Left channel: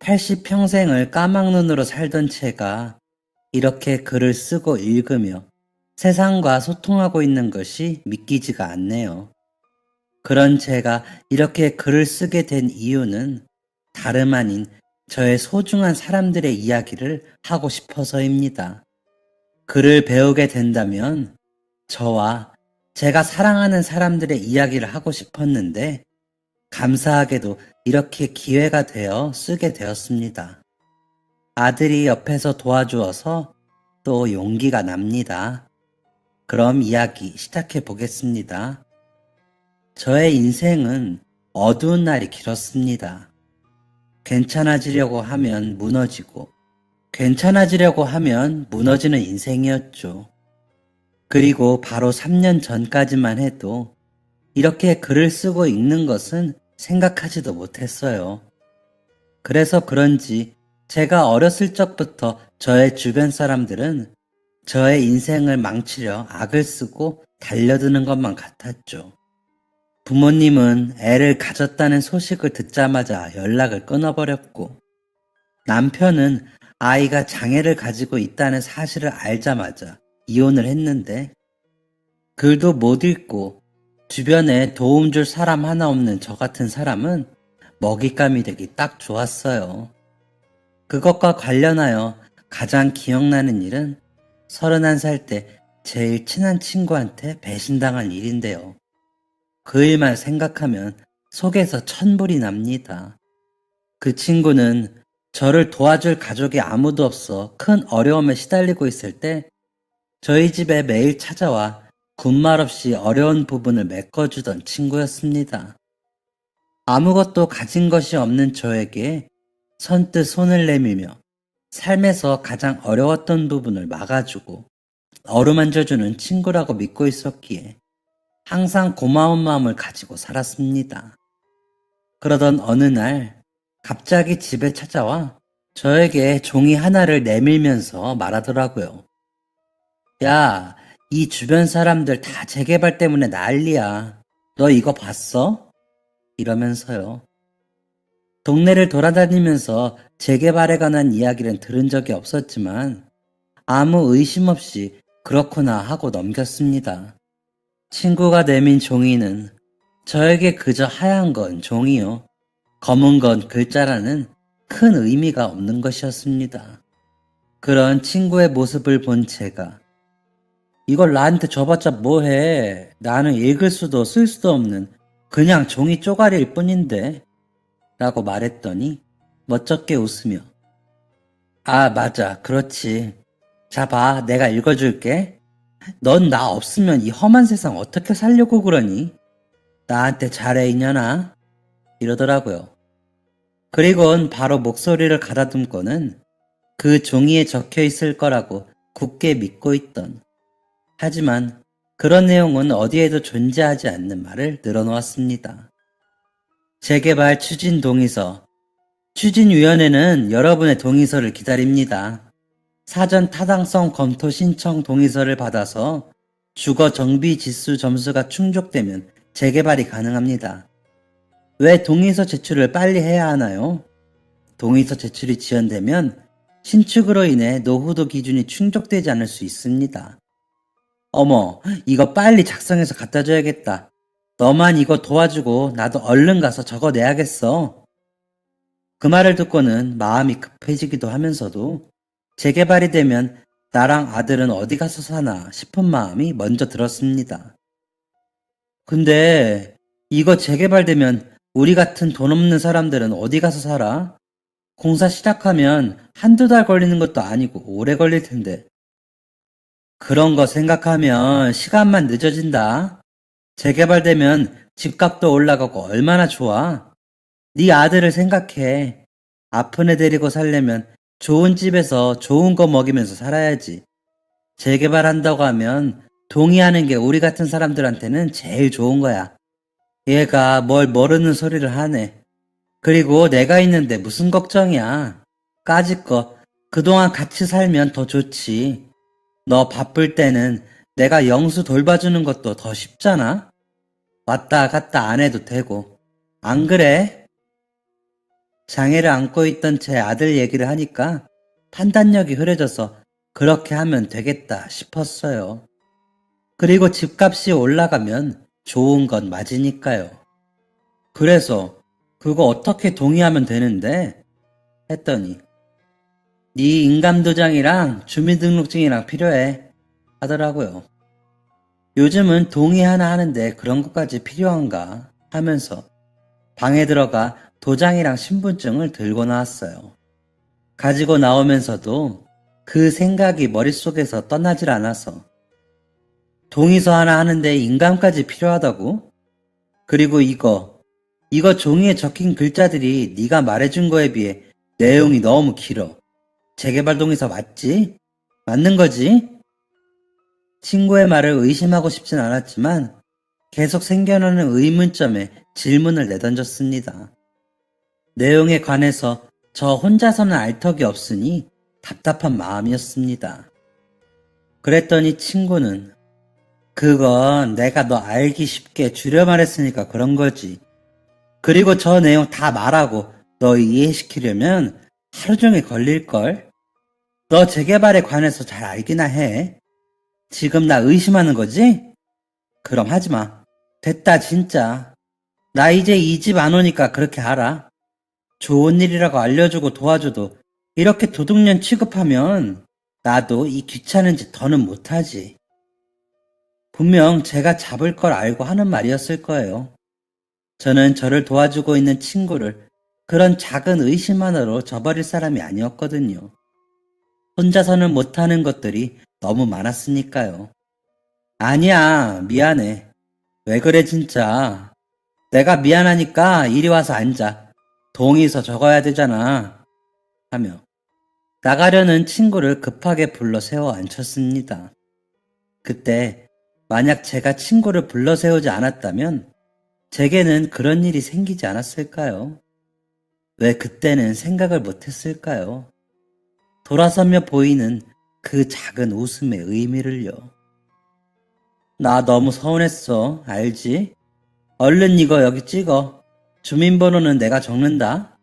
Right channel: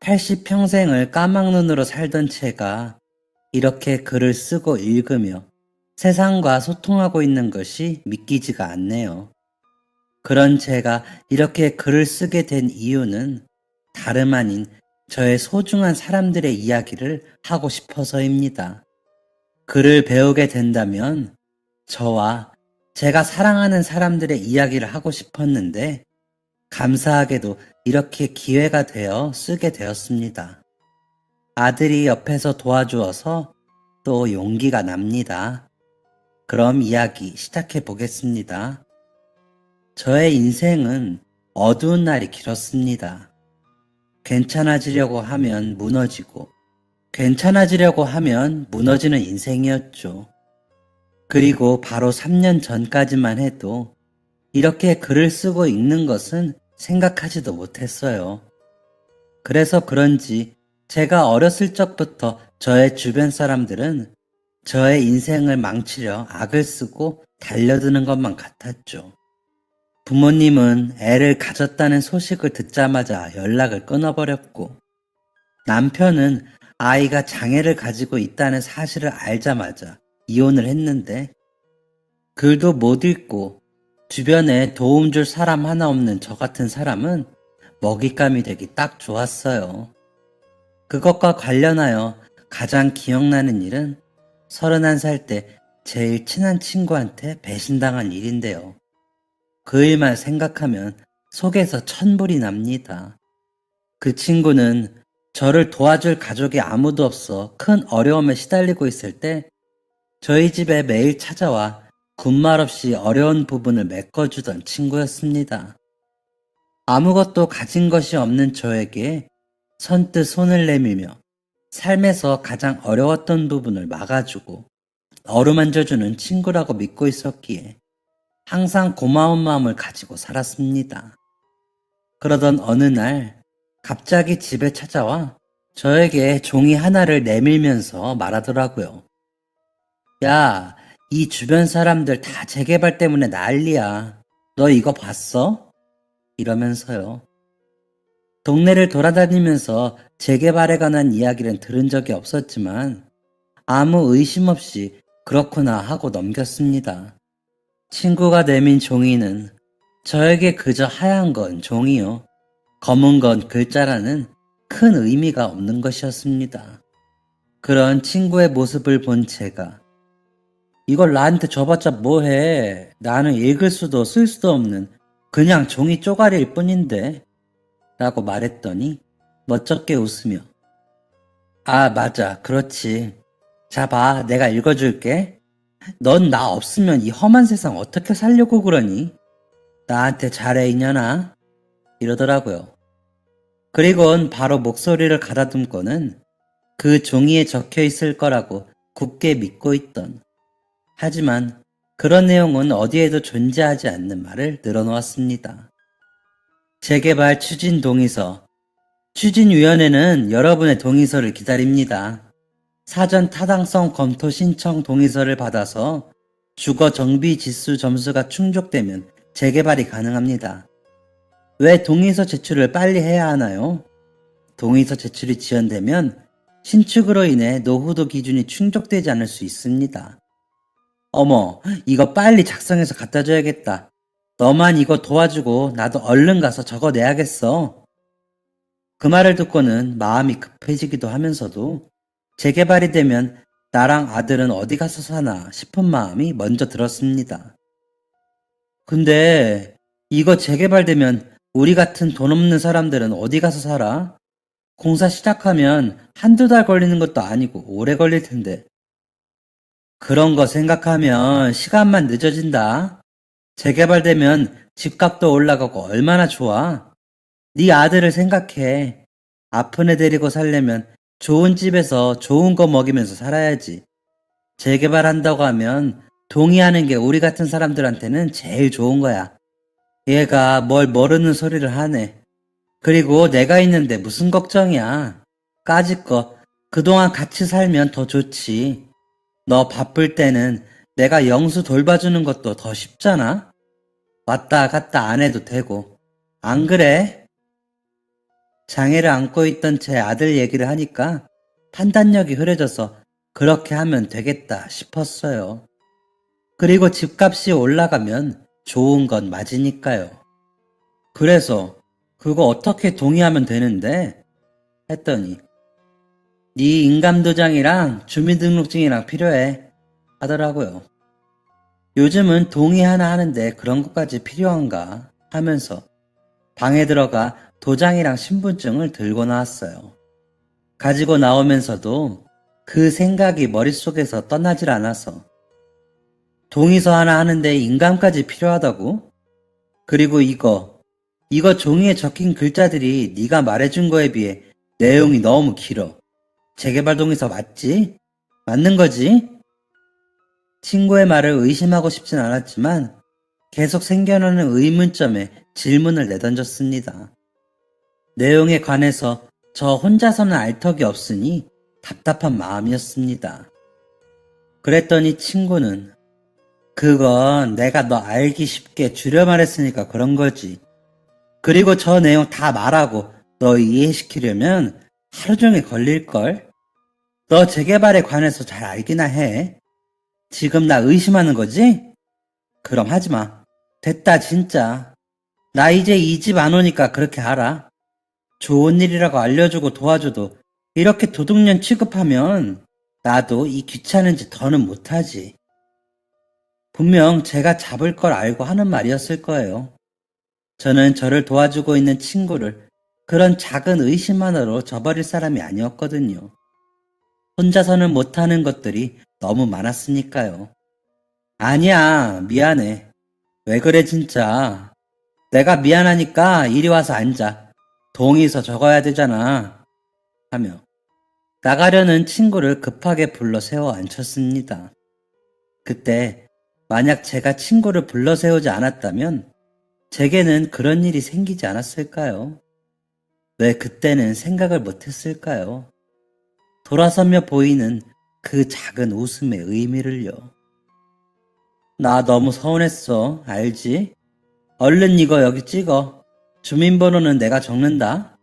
80평생을 까막눈으로 살던 제가 이렇게 글을 쓰고 읽으며 세상과 소통하고 있는 것이 믿기지가 않네요. 그런 제가 이렇게 글을 쓰게 된 이유는 다름 아닌 저의 소중한 사람들의 이야기를 하고 싶어서입니다. 글을 배우게 된다면 저와 제가 사랑하는 사람들의 이야기를 하고 싶었는데 감사하게도 이렇게 기회가 되어 쓰게 되었습니다. 아들이 옆에서 도와주어서 또 용기가 납니다. 그럼 이야기 시작해 보겠습니다. 저의 인생은 어두운 날이 길었습니다. 괜찮아지려고 하면 무너지고, 괜찮아지려고 하면 무너지는 인생이었죠. 그리고 바로 3년 전까지만 해도 이렇게 글을 쓰고 읽는 것은 생각하지도 못했어요. 그래서 그런지 제가 어렸을 적부터 저의 주변 사람들은 저의 인생을 망치려 악을 쓰고 달려드는 것만 같았죠. 부모님은 애를 가졌다는 소식을 듣자마자 연락을 끊어버렸고, 남편은 아이가 장애를 가지고 있다는 사실을 알자마자 이혼을 했는데, 글도 못 읽고 주변에 도움 줄 사람 하나 없는 저 같은 사람은 먹잇감이 되기 딱 좋았어요. 그것과 관련하여 가장 기억나는 일은 31살 때 제일 친한 친구한테 배신당한 일인데요. 그 일만 생각하면 속에서 천불이 납니다. 그 친구는 저를 도와줄 가족이 아무도 없어 큰 어려움에 시달리고 있을 때 저희 집에 매일 찾아와 군말 없이 어려운 부분을 메꿔주던 친구였습니다. 아무것도 가진 것이 없는 저에게 선뜻 손을 내밀며 삶에서 가장 어려웠던 부분을 막아주고 어루만져주는 친구라고 믿고 있었기에 항상 고마운 마음을 가지고 살았습니다. 그러던 어느 날 갑자기 집에 찾아와 저에게 종이 하나를 내밀면서 말하더라고요. 야, 이 주변 사람들 다 재개발 때문에 난리야. 너 이거 봤어? 이러면서요. 동네를 돌아다니면서 재개발에 관한 이야기는 들은 적이 없었지만 아무 의심 없이 그렇구나 하고 넘겼습니다. 친구가 내민 종이는 저에게 그저 하얀 건 종이요, 검은 건 글자라는 큰 의미가 없는 것이었습니다. 그런 친구의 모습을 본 제가 이걸 나한테 줘봤자 뭐해. 나는 읽을 수도 쓸 수도 없는 그냥 종이 쪼가리일 뿐인데 라고 말했더니 멋쩍게 웃으며 아 맞아 그렇지. 자 봐 내가 읽어줄게. 넌 나 없으면 이 험한 세상 어떻게 살려고 그러니? 나한테 잘해 이년아 이러더라고요. 그리곤 바로 목소리를 가다듬고는 그 종이에 적혀 있을 거라고 굳게 믿고 있던 하지만 그런 내용은 어디에도 존재하지 않는 말을 늘어놓았습니다. 재개발 추진 동의서. 추진위원회는 여러분의 동의서를 기다립니다. 사전 타당성 검토 신청 동의서를 받아서 주거 정비 지수 점수가 충족되면 재개발이 가능합니다. 왜 동의서 제출을 빨리 해야 하나요? 동의서 제출이 지연되면 신축으로 인해 노후도 기준이 충족되지 않을 수 있습니다. 어머, 이거 빨리 작성해서 갖다 줘야겠다. 너만 이거 도와주고 나도 얼른 가서 적어내야겠어. 그 말을 듣고는 마음이 급해지기도 하면서도 재개발이 되면 나랑 아들은 어디 가서 사나 싶은 마음이 먼저 들었습니다. 근데 이거 재개발되면 우리 같은 돈 없는 사람들은 어디 가서 살아? 공사 시작하면 한두 달 걸리는 것도 아니고 오래 걸릴 텐데. 그런 거 생각하면 시간만 늦어진다. 재개발되면 집값도 올라가고 얼마나 좋아. 네 아들을 생각해. 아픈 애 데리고 살려면 좋은 집에서 좋은 거 먹이면서 살아야지. 재개발한다고 하면 동의하는 게 우리 같은 사람들한테는 제일 좋은 거야. 얘가 뭘 모르는 소리를 하네. 그리고 내가 있는데 무슨 걱정이야. 까짓거 그동안 같이 살면 더 좋지. 너 바쁠 때는 내가 영수 돌봐주는 것도 더 쉽잖아. 왔다 갔다 안 해도 되고. 안 그래? 장애를 안고 있던 제 아들 얘기를 하니까 판단력이 흐려져서 그렇게 하면 되겠다 싶었어요. 그리고 집값이 올라가면 좋은 건 맞으니까요. 그래서 그거 어떻게 동의하면 되는데? 했더니 네 인감도장이랑 주민등록증이랑 필요해 하더라고요. 요즘은 동의 하나 하는데 그런 것까지 필요한가 하면서 방에 들어가 도장이랑 신분증을 들고 나왔어요. 가지고 나오면서도 그 생각이 머릿속에서 떠나질 않아서 동의서 하나 하는데 인감까지 필요하다고? 그리고 이거 종이에 적힌 글자들이 네가 말해준 거에 비해 내용이 너무 길어. 재개발 동의서 맞지? 맞는 거지? 친구의 말을 의심하고 싶진 않았지만 계속 생겨나는 의문점에 질문을 내던졌습니다. 내용에 관해서 저 혼자서는 알 턱이 없으니 답답한 마음이었습니다. 그랬더니 친구는 그건 내가 너 알기 쉽게 줄여 말했으니까 그런 거지. 그리고 저 내용 다 말하고 너 이해시키려면 하루 종일 걸릴걸? 너 재개발에 관해서 잘 알기나 해. 지금 나 의심하는 거지? 그럼 하지 마. 됐다, 진짜. 나 이제 이 집 안 오니까 그렇게 알아. 좋은 일이라고 알려주고 도와줘도 이렇게 도둑년 취급하면 나도 이 귀찮은 짓 더는 못하지. 분명 제가 잡을 걸 알고 하는 말이었을 거예요. 저는 저를 도와주고 있는 친구를 그런 작은 의심만으로 저버릴 사람이 아니었거든요. 혼자서는 못하는 것들이 너무 많았으니까요. 아니야, 미안해. 왜 그래, 진짜. 내가 미안하니까 이리 와서 앉아. 동의서 적어야 되잖아. 하며 나가려는 친구를 급하게 불러 세워 앉혔습니다. 그때 만약 제가 친구를 불러 세우지 않았다면 제게는 그런 일이 생기지 않았을까요? 왜 그때는 생각을 못했을까요? 돌아서며 보이는 그 작은 웃음의 의미를요. 나 너무 서운했어. 알지? 얼른 이거 여기 찍어. 주민번호는 내가 적는다.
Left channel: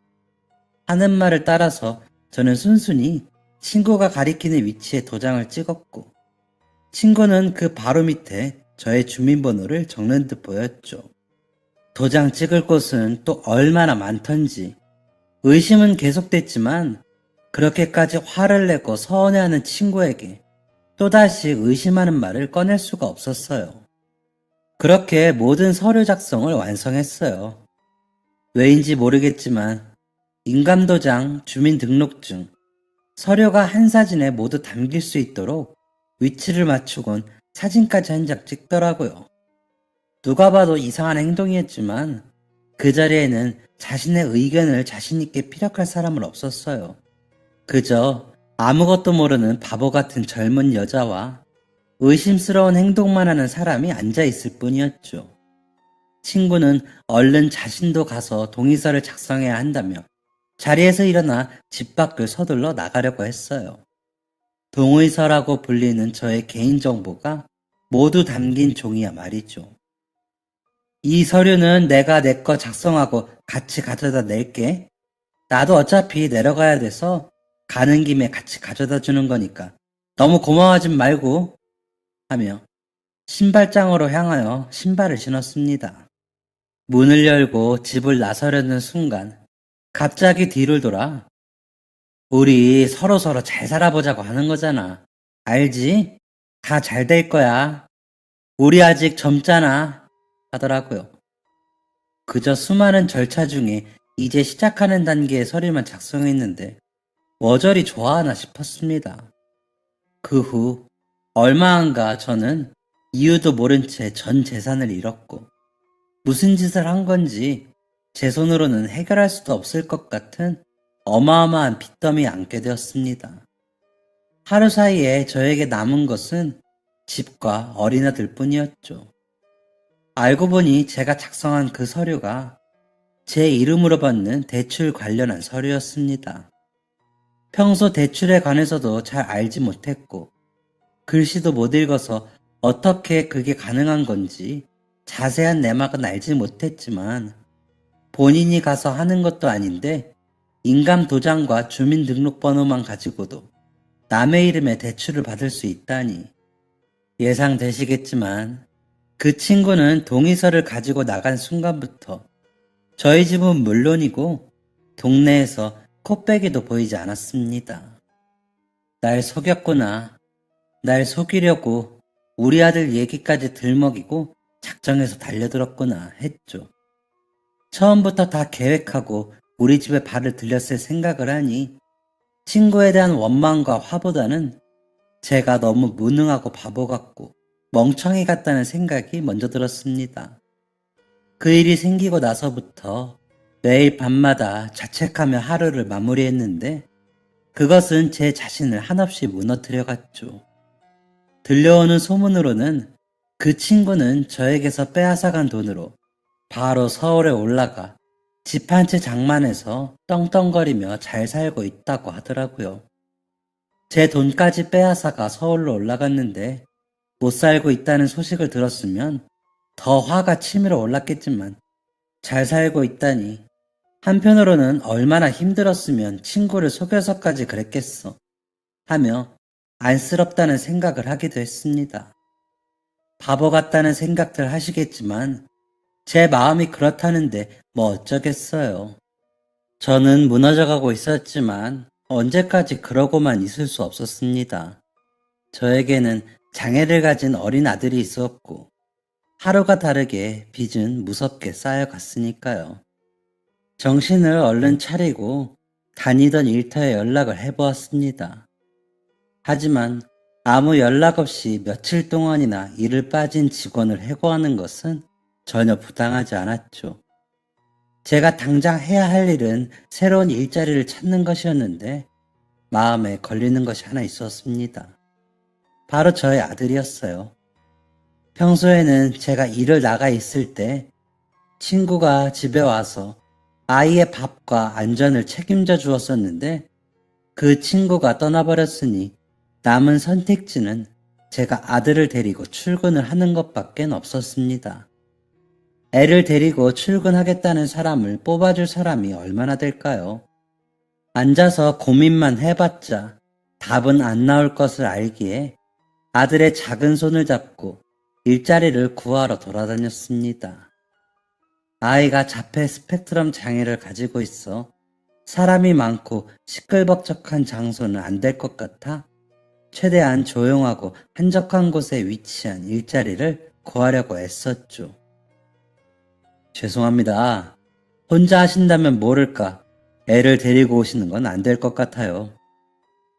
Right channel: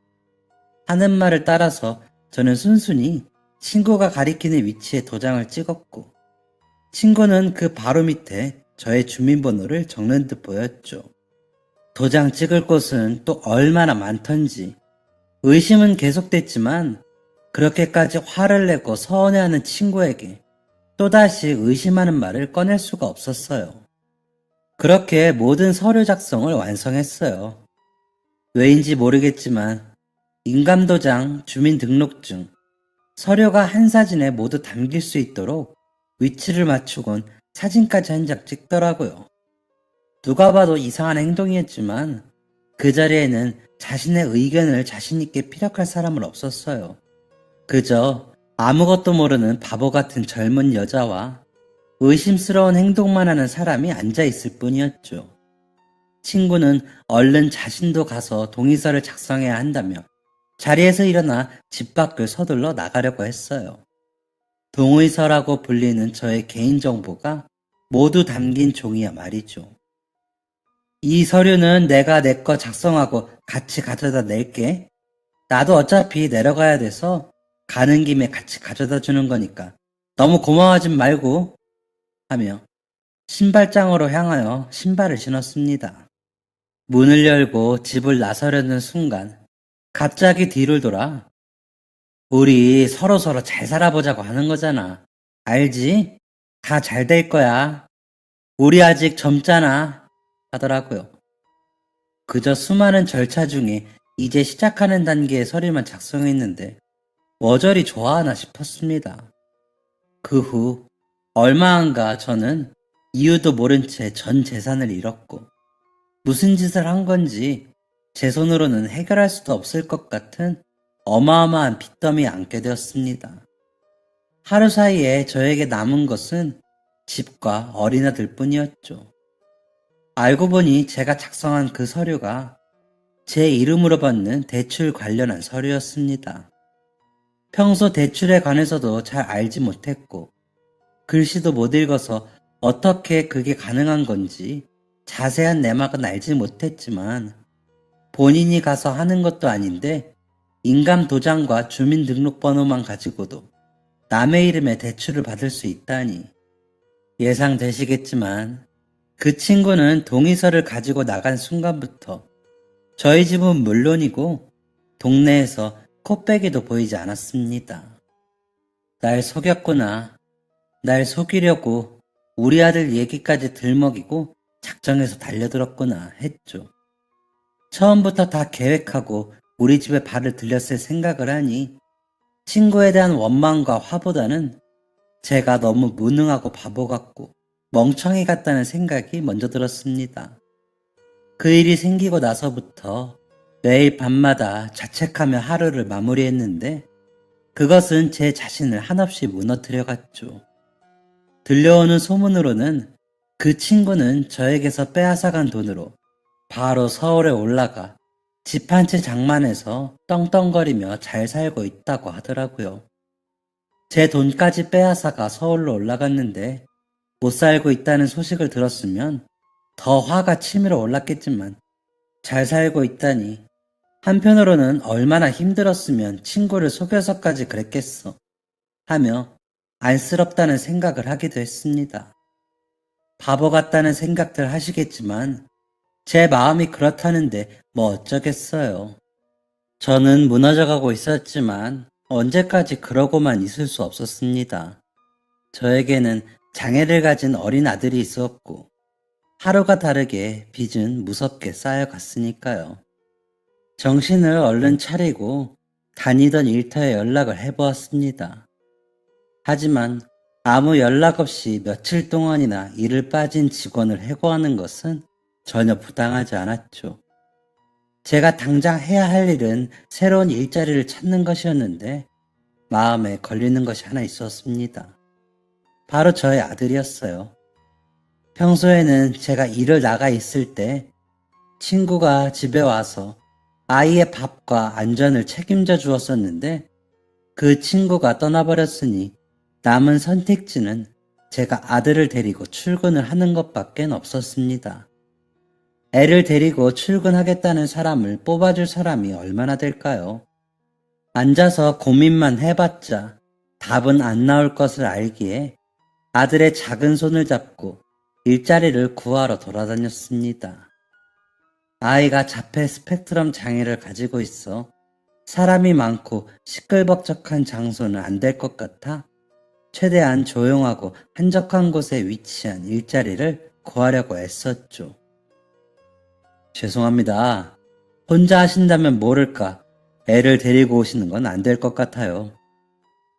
하는 말을 따라서 저는 순순히 친구가 가리키는 위치에 도장을 찍었고 친구는 그 바로 밑에 저의 주민번호를 적는 듯 보였죠. 도장 찍을 곳은 또 얼마나 많던지 의심은 계속됐지만 그렇게까지 화를 내고 서운해하는 친구에게 또다시 의심하는 말을 꺼낼 수가 없었어요. 그렇게 모든 서류 작성을 완성했어요. 왜인지 모르겠지만 인감도장, 주민등록증, 서류가 한 사진에 모두 담길 수 있도록 위치를 맞추곤 사진까지 한 장 찍더라고요. 누가 봐도 이상한 행동이었지만 그 자리에는 자신의 의견을 자신있게 피력할 사람은 없었어요. 그저 아무것도 모르는 바보 같은 젊은 여자와 의심스러운 행동만 하는 사람이 앉아있을 뿐이었죠. 친구는 얼른 자신도 가서 동의서를 작성해야 한다며 자리에서 일어나 집 밖을 서둘러 나가려고 했어요. 동의서라고 불리는 저의 개인정보가 모두 담긴 종이야 말이죠. 이 서류는 내가 내 거 작성하고 같이 가져다 낼게. 나도 어차피 내려가야 돼서 가는 김에 같이 가져다 주는 거니까 너무 고마워하지 말고 하며 신발장으로 향하여 신발을 신었습니다. 문을 열고 집을 나서려는 순간 갑자기 뒤를 돌아 우리 서로서로 잘 살아보자고 하는 거잖아. 알지? 다 잘 될 거야. 우리 아직 젊잖아. 하더라고요. 그저 수많은 절차 중에 이제 시작하는 단계의 서류만 작성했는데 머저리 좋아하나 싶었습니다. 그 후 얼마 안가 저는 이유도 모른 채 전 재산을 잃었고 무슨 짓을 한 건지 제 손으로는 해결할 수도 없을 것 같은 어마어마한 빚더미에 앉게 되었습니다. 하루 사이에 저에게 남은 것은 집과 어린아들 뿐이었죠. 알고 보니 제가 작성한 그 서류가 제 이름으로 받는 대출 관련한 서류였습니다. 평소 대출에 관해서도 잘 알지 못했고 글씨도 못 읽어서 어떻게 그게 가능한 건지 자세한 내막은 알지 못했지만 본인이 가서 하는 것도 아닌데 인감 도장과 주민등록번호만 가지고도 남의 이름의 대출을 받을 수 있다니. 예상되시겠지만 그 친구는 동의서를 가지고 나간 순간부터 저희 집은 물론이고 동네에서 코빼기도 보이지 않았습니다. 날 속였구나. 날 속이려고 우리 아들 얘기까지 들먹이고 작정해서 달려들었구나 했죠. 처음부터 다 계획하고 우리 집에 발을 들였을 생각을 하니 친구에 대한 원망과 화보다는 제가 너무 무능하고 바보 같고 멍청이 같다는 생각이 먼저 들었습니다. 그 일이 생기고 나서부터 매일 밤마다 자책하며 하루를 마무리했는데 그것은 제 자신을 한없이 무너뜨려갔죠. 들려오는 소문으로는 그 친구는 저에게서 빼앗아간 돈으로 바로 서울에 올라가 집 한 채 장만해서 떵떵거리며 잘 살고 있다고 하더라고요. 제 돈까지 빼앗아가 서울로 올라갔는데 못 살고 있다는 소식을 들었으면 더 화가 치밀어 올랐겠지만 잘 살고 있다니 한편으로는 얼마나 힘들었으면 친구를 속여서까지 그랬겠어 하며 안쓰럽다는 생각을 하기도 했습니다. 바보 같다는 생각들 하시겠지만 제 마음이 그렇다는데 뭐 어쩌겠어요. 저는 무너져가고 있었지만 언제까지 그러고만 있을 수 없었습니다. 저에게는 장애를 가진 어린 아들이 있었고 하루가 다르게 빚은 무섭게 쌓여갔으니까요. 정신을 얼른 차리고 다니던 일터에 연락을 해보았습니다. 하지만 아무 연락 없이 며칠 동안이나 일을 빠진 직원을 해고하는 것은 전혀 부당하지 않았죠. 제가 당장 해야 할 일은 새로운 일자리를 찾는 것이었는데 마음에 걸리는 것이 하나 있었습니다. 바로 저의 아들이었어요. 평소에는 제가 일을 나가 있을 때 친구가 집에 와서 아이의 밥과 안전을 책임져 주었었는데 그 친구가 떠나버렸으니 남은 선택지는 제가 아들을 데리고 출근을 하는 것밖에 없었습니다. 애를 데리고 출근하겠다는 사람을 뽑아줄 사람이 얼마나 될까요? 앉아서 고민만 해봤자 답은 안 나올 것을 알기에 아들의 작은 손을 잡고 일자리를 구하러 돌아다녔습니다. 아이가 자폐 스펙트럼 장애를 가지고 있어 사람이 많고 시끌벅적한 장소는 안 될 것 같아 최대한 조용하고 한적한 곳에 위치한 일자리를 구하려고 애썼죠. 죄송합니다. 혼자 하신다면 모를까 애를 데리고 오시는 건 안 될 것 같아요.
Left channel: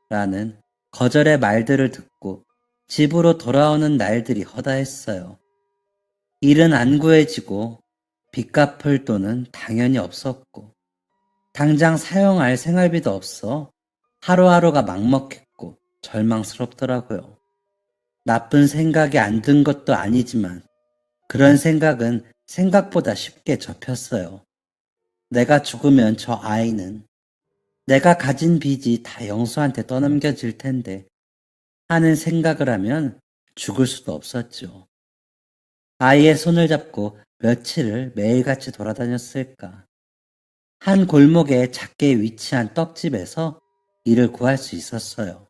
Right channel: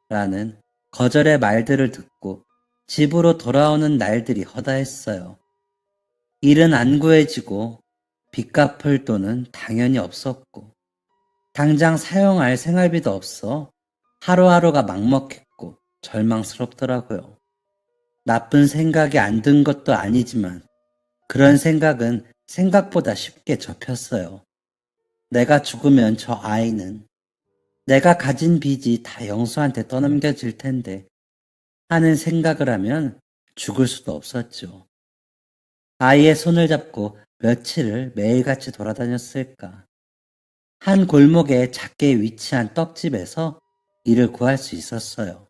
라는 거절의 말들을 듣고 집으로 돌아오는 날들이 허다했어요. 일은 안 구해지고 빚 갚을 돈은 당연히 없었고 당장 사용할 생활비도 없어 하루하루가 막먹했고 절망스럽더라고요. 나쁜 생각이 안 든 것도 아니지만 그런 생각은 생각보다 쉽게 접혔어요. 내가 죽으면 저 아이는 내가 가진 빚이 다 영수한테 떠넘겨질 텐데 하는 생각을 하면 죽을 수도 없었죠. 아이의 손을 잡고 며칠을 매일같이 돌아다녔을까. 한 골목에 작게 위치한 떡집에서 일을 구할 수 있었어요.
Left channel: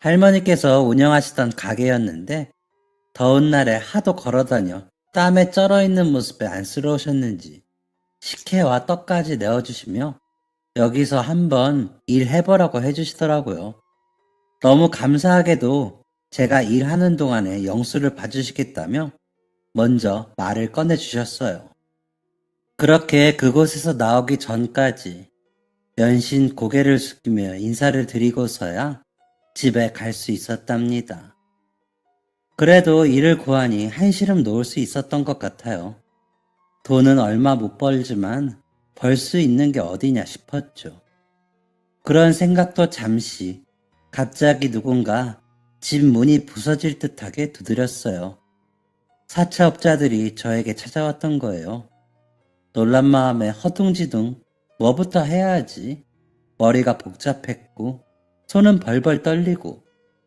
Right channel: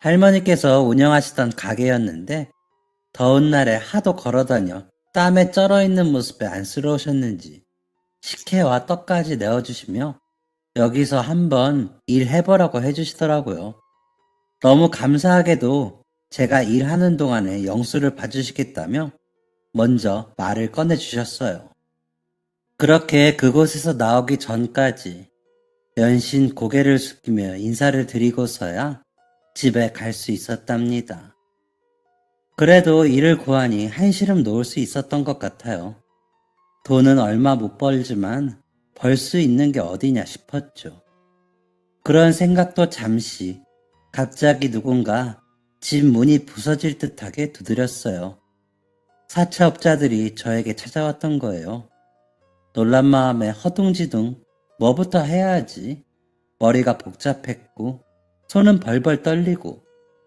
할머니께서 운영하시던 가게였는데 더운 날에 하도 걸어다녀 땀에 쩔어있는 모습에 안쓰러우셨는지 식혜와 떡까지 내어주시며 여기서 한번 일해보라고 해주시더라고요. 너무 감사하게도 제가 일하는 동안에 영수를 봐주시겠다며 먼저 말을 꺼내주셨어요. 그렇게 그곳에서 나오기 전까지 연신 고개를 숙이며 인사를 드리고서야 집에 갈 수 있었답니다. 그래도 일을 구하니 한시름 놓을 수 있었던 것 같아요. 돈은 얼마 못 벌지만 벌 수 있는 게 어디냐 싶었죠. 그런 생각도 잠시 갑자기 누군가 집 문이 부서질 듯하게 두드렸어요. 사채업자들이 저에게 찾아왔던 거예요. 놀란 마음에 허둥지둥 뭐부터 해야 하지? 머리가 복잡했고 손은 벌벌 떨리고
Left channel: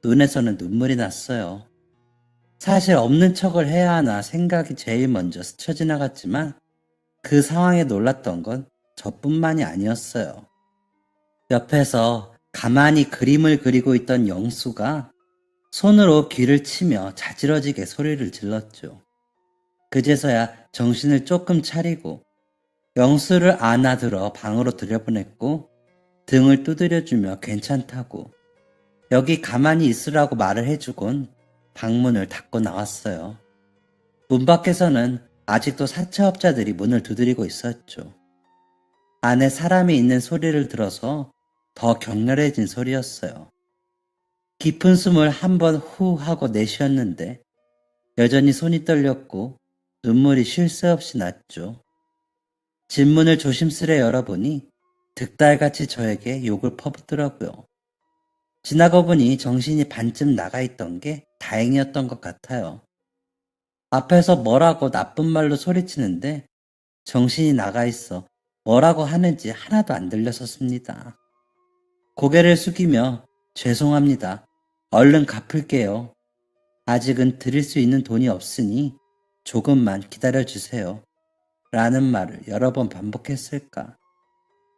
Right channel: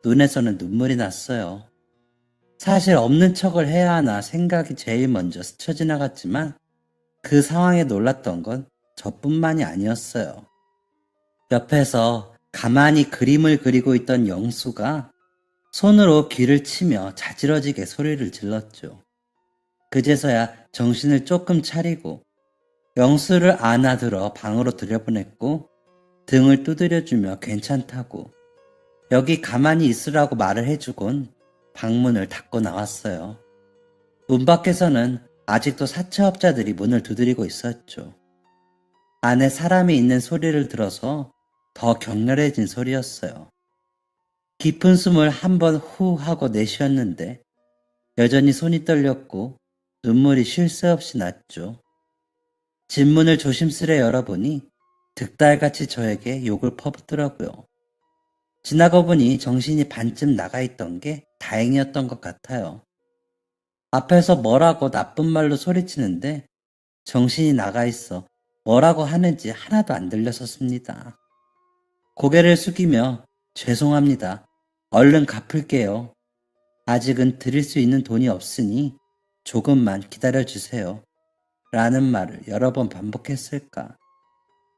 눈에서는 눈물이 났어요. 사실 없는 척을 해야 하나 생각이 제일 먼저 스쳐 지나갔지만 그 상황에 놀랐던 건 저뿐만이 아니었어요. 옆에서 가만히 그림을 그리고 있던 영수가 손으로 귀를 치며 자지러지게 소리를 질렀죠. 그제서야 정신을 조금 차리고 영수를 안아들어 방으로 들여보냈고 등을 두드려주며 괜찮다고 여기 가만히 있으라고 말을 해주곤 방문을 닫고 나왔어요. 문 밖에서는 아직도 사채업자들이 문을 두드리고 있었죠. 안에 사람이 있는 소리를 들어서 더 격렬해진 소리였어요. 깊은 숨을 한 번 후 하고 내쉬었는데 여전히 손이 떨렸고 눈물이 쉴 새 없이 났죠. 집문을 조심스레 열어보니 득달같이 저에게 욕을 퍼붓더라고요. 지나고 보니 정신이 반쯤 나가 있던 게 다행이었던 것 같아요. 앞에서 뭐라고 나쁜 말로 소리치는데 정신이 나가 있어 뭐라고 하는지 하나도 안 들렸었습니다. 고개를 숙이며 죄송합니다. 얼른 갚을게요. 아직은 드릴 수 있는 돈이 없으니 조금만 기다려주세요. 라는 말을 여러 번 반복했을까.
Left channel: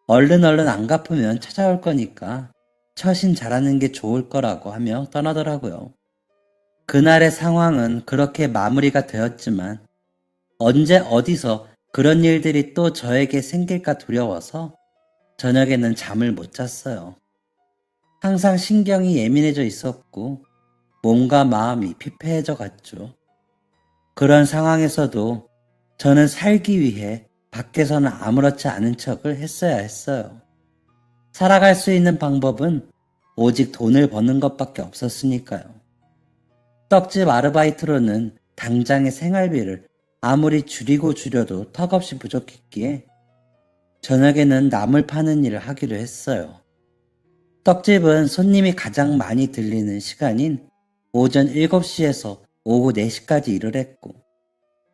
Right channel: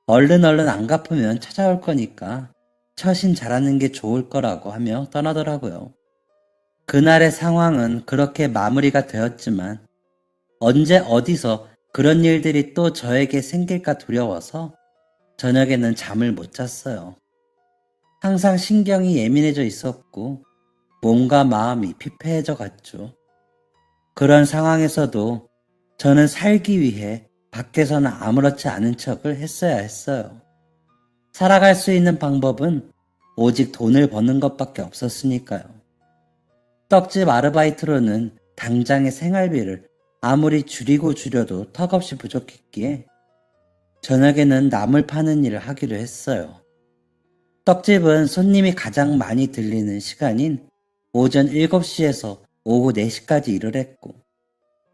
얼른 안 갚으면 찾아올 거니까 처신 잘하는 게 좋을 거라고 하며 떠나더라고요. 그날의 상황은 그렇게 마무리가 되었지만 언제 어디서 그런 일들이 또 저에게 생길까 두려워서 저녁에는 잠을 못 잤어요. 항상 신경이 예민해져 있었고 몸과 마음이 피폐해져 갔죠. 그런 상황에서도 저는 살기 위해 밖에서는 아무렇지 않은 척을 했어야 했어요. 살아갈 수 있는 방법은 오직 돈을 버는 것밖에 없었으니까요. 떡집 아르바이트로는 당장의 생활비를 아무리 줄여도 턱없이 부족했기에 저녁에는 나물 파는 일을 하기로 했어요. 떡집은 손님이 가장 많이 들리는 시간인 오전 7시에서 오후 4시까지 일을 했고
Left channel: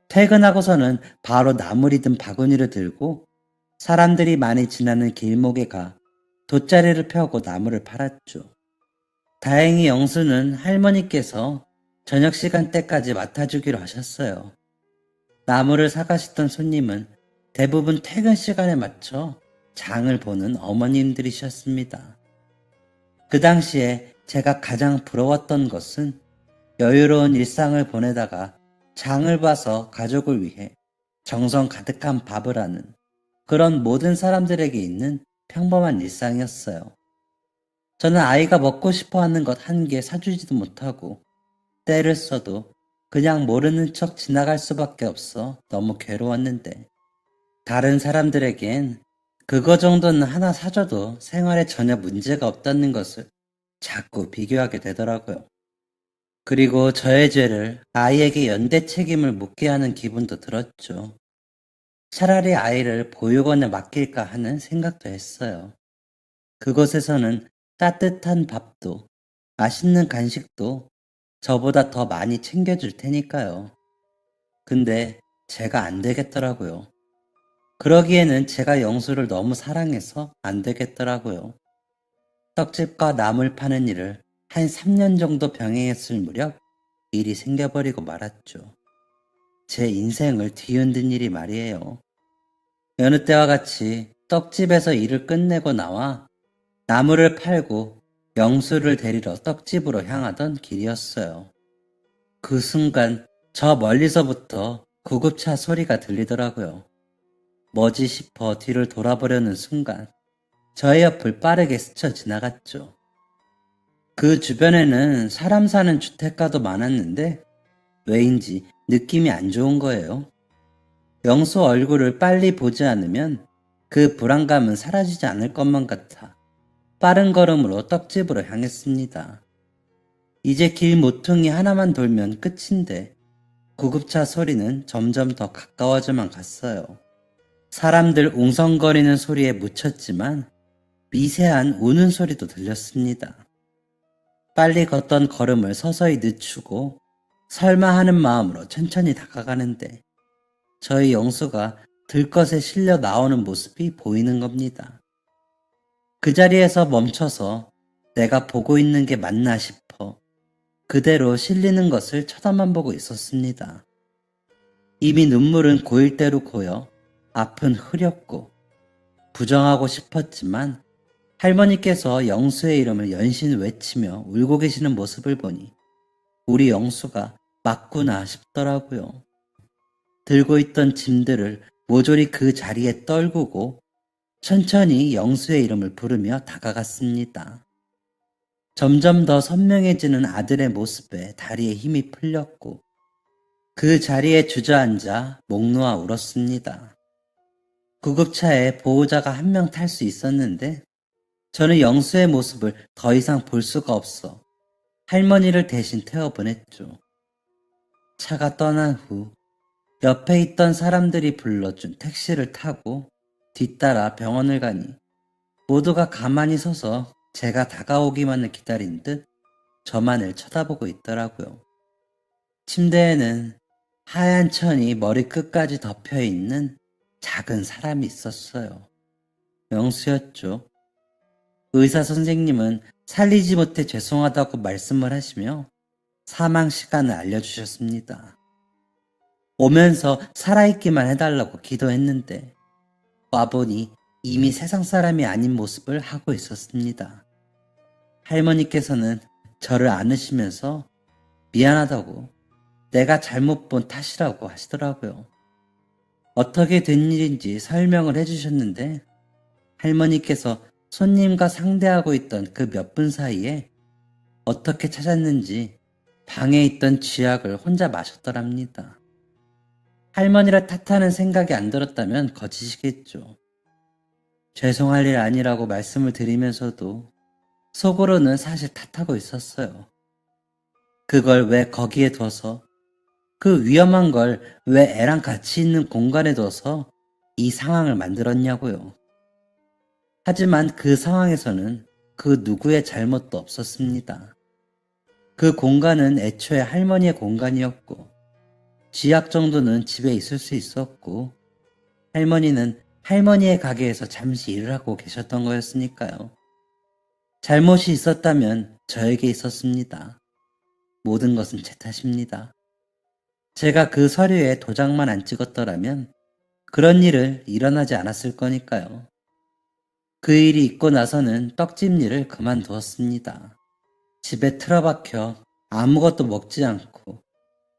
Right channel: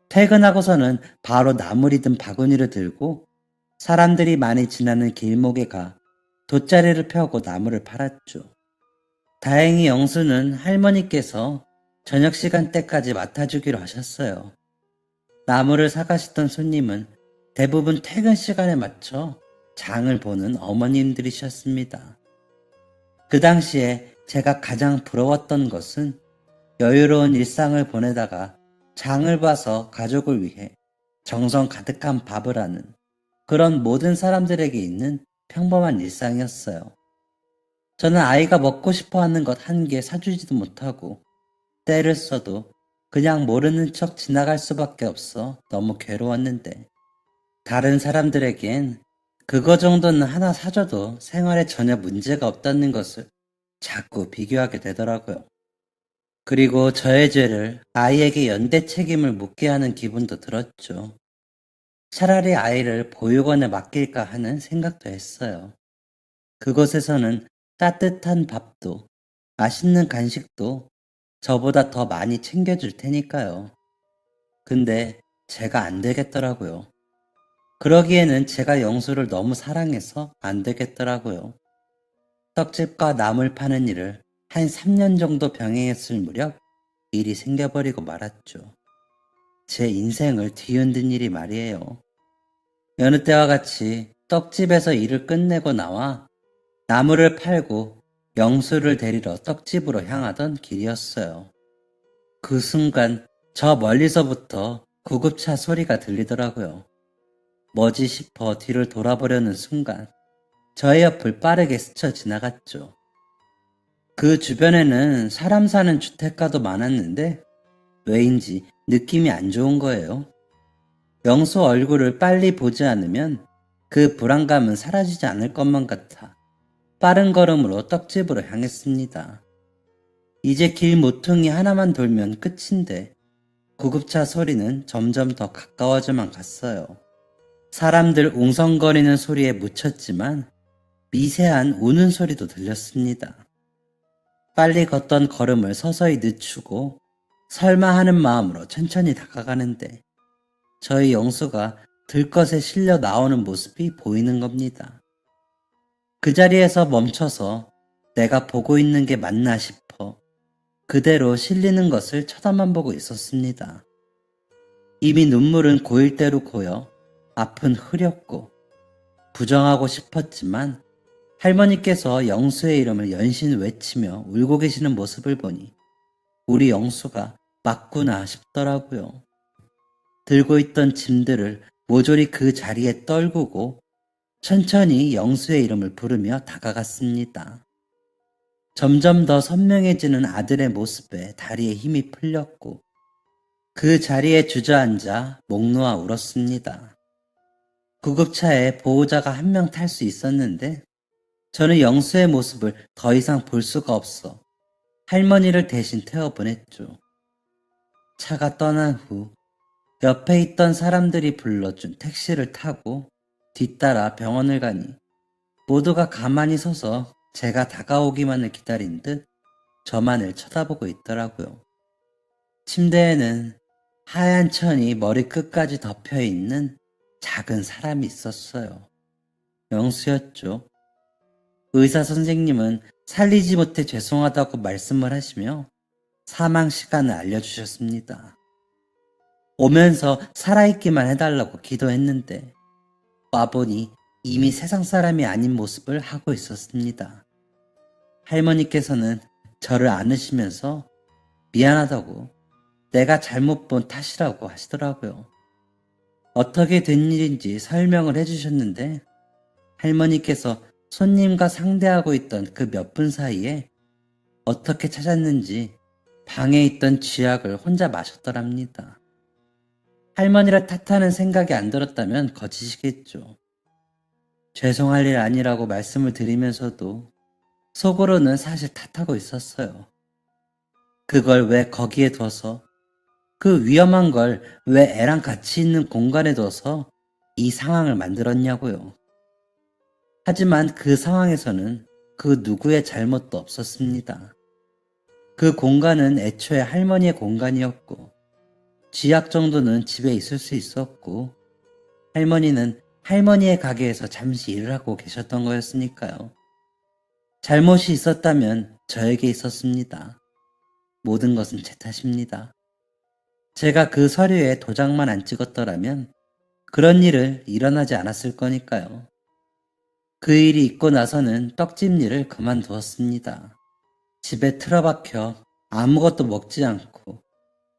퇴근하고서는 바로 나물이든 바구니를 들고 사람들이 많이 지나는 길목에 가 돗자리를 펴고 나물을 팔았죠. 다행히 영수는 할머니께서 저녁 시간대까지 맡아주기로 하셨어요. 나물을 사가시던 손님은 대부분 퇴근 시간에 맞춰 장을 보는 어머님들이셨습니다. 그 당시에 제가 가장 부러웠던 것은 여유로운 일상을 보내다가 장을 봐서 가족을 위해 정성 가득한 밥을 하는 그런 모든 사람들에게 있는 평범한 일상이었어요. 저는 아이가 먹고 싶어 하는 것 한 개 사주지도 못하고 때를 써도 그냥 모르는 척 지나갈 수밖에 없어 너무 괴로웠는데 다른 사람들에겐 그거 정도는 하나 사줘도 생활에 전혀 문제가 없다는 것을 자꾸 비교하게 되더라고요. 그리고 저의 죄를 아이에게 연대 책임을 묻게 하는 기분도 들었죠. 차라리 아이를 보육원에 맡길까 하는 생각도 했어요. 그곳에서는 따뜻한 밥도 맛있는 간식도 저보다 더 많이 챙겨줄 테니까요. 근데 제가 안 되겠더라고요. 그러기에는 제가 영수를 너무 사랑해서 안 되겠더라고요. 떡집과 나물 파는 일을 한 3년 정도 병행했을 무렵 일이 생겨버리고 말았죠. 제 인생을 뒤흔든 일이 말이에요. 여느 때와 같이 떡집에서 일을 끝내고 나와 나물을 팔고 영수를 데리러 떡집으로 향하던 길이었어요. 그 순간 저 멀리서부터 구급차 소리가 들리더라고요. 뭐지 싶어 뒤를 돌아보려는 순간 저의 옆을 빠르게 스쳐 지나갔죠. 그 주변에는 사람 사는 주택가도 많았는데 왜인지 느낌이 안 좋은 거예요. 영수 얼굴을 빨리 보지 않으면 그 불안감은 사라지지 않을 것만 같아 빠른 걸음으로 떡집으로 향했습니다. 이제 길 모퉁이 하나만 돌면 끝인데 구급차 소리는 점점 더 가까워져만 갔어요. 사람들 웅성거리는 소리에 묻혔지만 미세한 우는 소리도 들렸습니다. 빨리 걷던 걸음을 서서히 늦추고 설마 하는 마음으로 천천히 다가가는데 저희 영수가 들것에 실려 나오는 모습이 보이는 겁니다. 그 자리에서 멈춰서 내가 보고 있는 게 맞나 싶어 그대로 실리는 것을 쳐다만 보고 있었습니다. 이미 눈물은 고일 대로 고여 앞은 흐렸고 부정하고 싶었지만 할머니께서 영수의 이름을 연신 외치며 울고 계시는 모습을 보니 우리 영수가 맞구나 싶더라고요. 들고 있던 짐들을 모조리 그 자리에 떨구고 천천히 영수의 이름을 부르며 다가갔습니다. 점점 더 선명해지는 아들의 모습에 다리에 힘이 풀렸고 그 자리에 주저앉아 목 놓아 울었습니다. 구급차에 보호자가 한 명 탈 수 있었는데 저는 영수의 모습을 더 이상 볼 수가 없어 할머니를 대신 태워보냈죠. 차가 떠난 후 옆에 있던 사람들이 불러준 택시를 타고 뒤따라 병원을 가니 모두가 가만히 서서 제가 다가오기만을 기다린 듯 저만을 쳐다보고 있더라고요. 침대에는 하얀 천이 머리 끝까지 덮여있는 작은 사람이 있었어요. 영수였죠. 의사 선생님은 살리지 못해 죄송하다고 말씀을 하시며 사망 시간을 알려주셨습니다. 오면서 살아있기만 해달라고 기도했는데 와보니 이미 세상 사람이 아닌 모습을 하고 있었습니다. 할머니께서는 저를 안으시면서 미안하다고 내가 잘못 본 탓이라고 하시더라고요. 어떻게 된 일인지 설명을 해주셨는데 할머니께서 손님과 상대하고 있던 그 몇 분 사이에 어떻게 찾았는지 방에 있던 쥐약을 혼자 마셨더랍니다. 할머니를 탓하는 생각이 안 들었다면 거짓이겠죠. 죄송할 일 아니라고 말씀을 드리면서도 속으로는 사실 탓하고 있었어요. 그걸 왜 거기에 둬서 그 위험한 걸 왜 애랑 같이 있는 공간에 둬서 이 상황을 만들었냐고요. 하지만 그 상황에서는 그 누구의 잘못도 없었습니다. 그 공간은 애초에 할머니의 공간이었고 지약 정도는 집에 있을 수 있었고 할머니는 할머니의 가게에서 잠시 일을 하고 계셨던 거였으니까요. 잘못이 있었다면 저에게 있었습니다. 모든 것은 제 탓입니다. 제가 그 서류에 도장만 안 찍었더라면 그런 일을 일어나지 않았을 거니까요. 그 일이 있고 나서는 떡집 일을 그만두었습니다. 집에 틀어박혀 아무것도 먹지 않고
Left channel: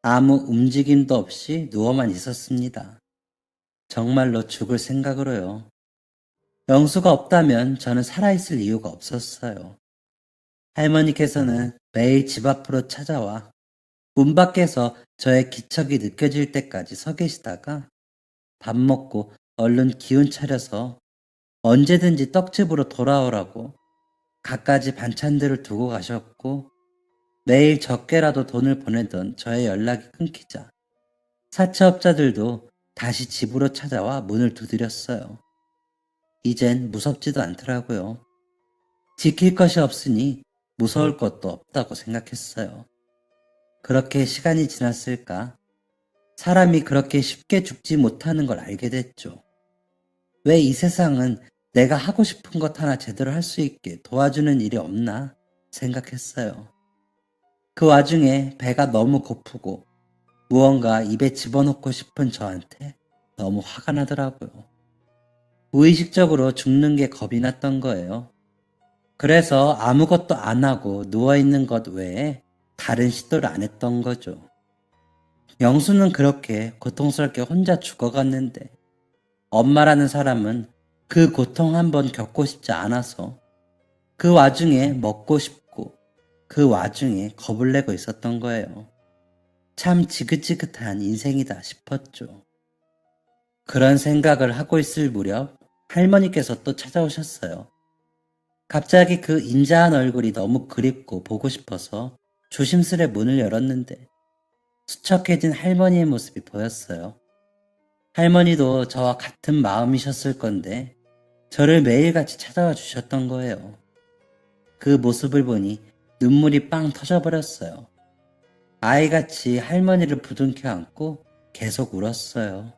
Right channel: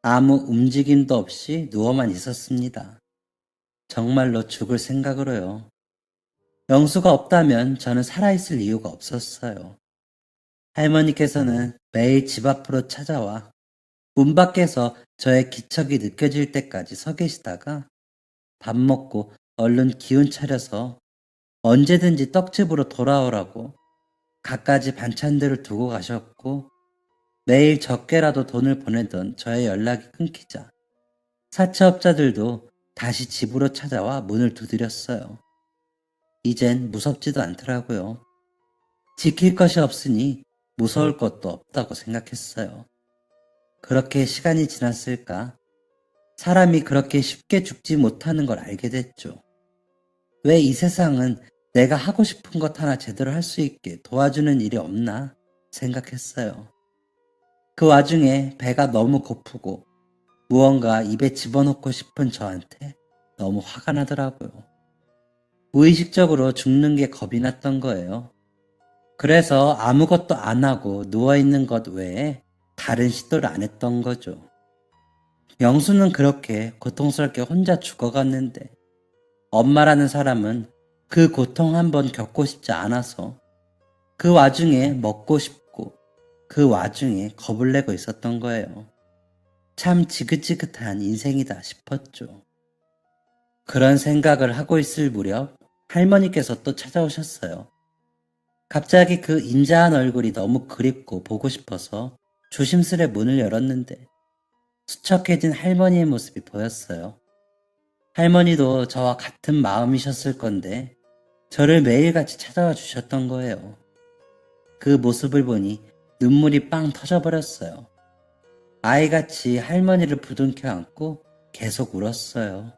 아무 움직임도 없이 누워만 있었습니다. 정말로 죽을 생각으로요. 영수가 없다면 저는 살아있을 이유가 없었어요. 할머니께서는 매일 집 앞으로 찾아와 문 밖에서 저의 기척이 느껴질 때까지 서 계시다가 밥 먹고 얼른 기운 차려서 언제든지 떡집으로 돌아오라고 갖가지 반찬들을 두고 가셨고 매일 적게라도 돈을 보내던 저의 연락이 끊기자 사채업자들도 다시 집으로 찾아와 문을 두드렸어요. 이젠 무섭지도 않더라고요. 지킬 것이 없으니 무서울 것도 없다고 생각했어요. 그렇게 시간이 지났을까? 사람이 그렇게 쉽게 죽지 못하는 걸 알게 됐죠. 왜 이 세상은 내가 하고 싶은 것 하나 제대로 할 수 있게 도와주는 일이 없나 생각했어요. 그 와중에 배가 너무 고프고 무언가 입에 집어넣고 싶은 저한테 너무 화가 나더라고요. 무의식적으로 죽는 게 겁이 났던 거예요. 그래서 아무것도 안 하고 누워있는 것 외에 다른 시도를 안 했던 거죠. 영수는 그렇게 고통스럽게 혼자 죽어갔는데 엄마라는 사람은 그 고통 한번 겪고 싶지 않아서 그 와중에 먹고 싶고 그 와중에 겁을 내고 있었던 거예요. 참 지긋지긋한 인생이다 싶었죠. 그런 생각을 하고 있을 무렵 할머니께서 또 찾아오셨어요. 갑자기 그 인자한 얼굴이 너무 그립고 보고 싶어서 조심스레 문을 열었는데 수척해진 할머니의 모습이 보였어요. 할머니도 저와 같은 마음이셨을 건데 저를 매일같이 찾아와 주셨던 거예요. 그 모습을 보니 눈물이 빵 터져버렸어요. 아이같이 할머니를 부둥켜 안고 계속 울었어요.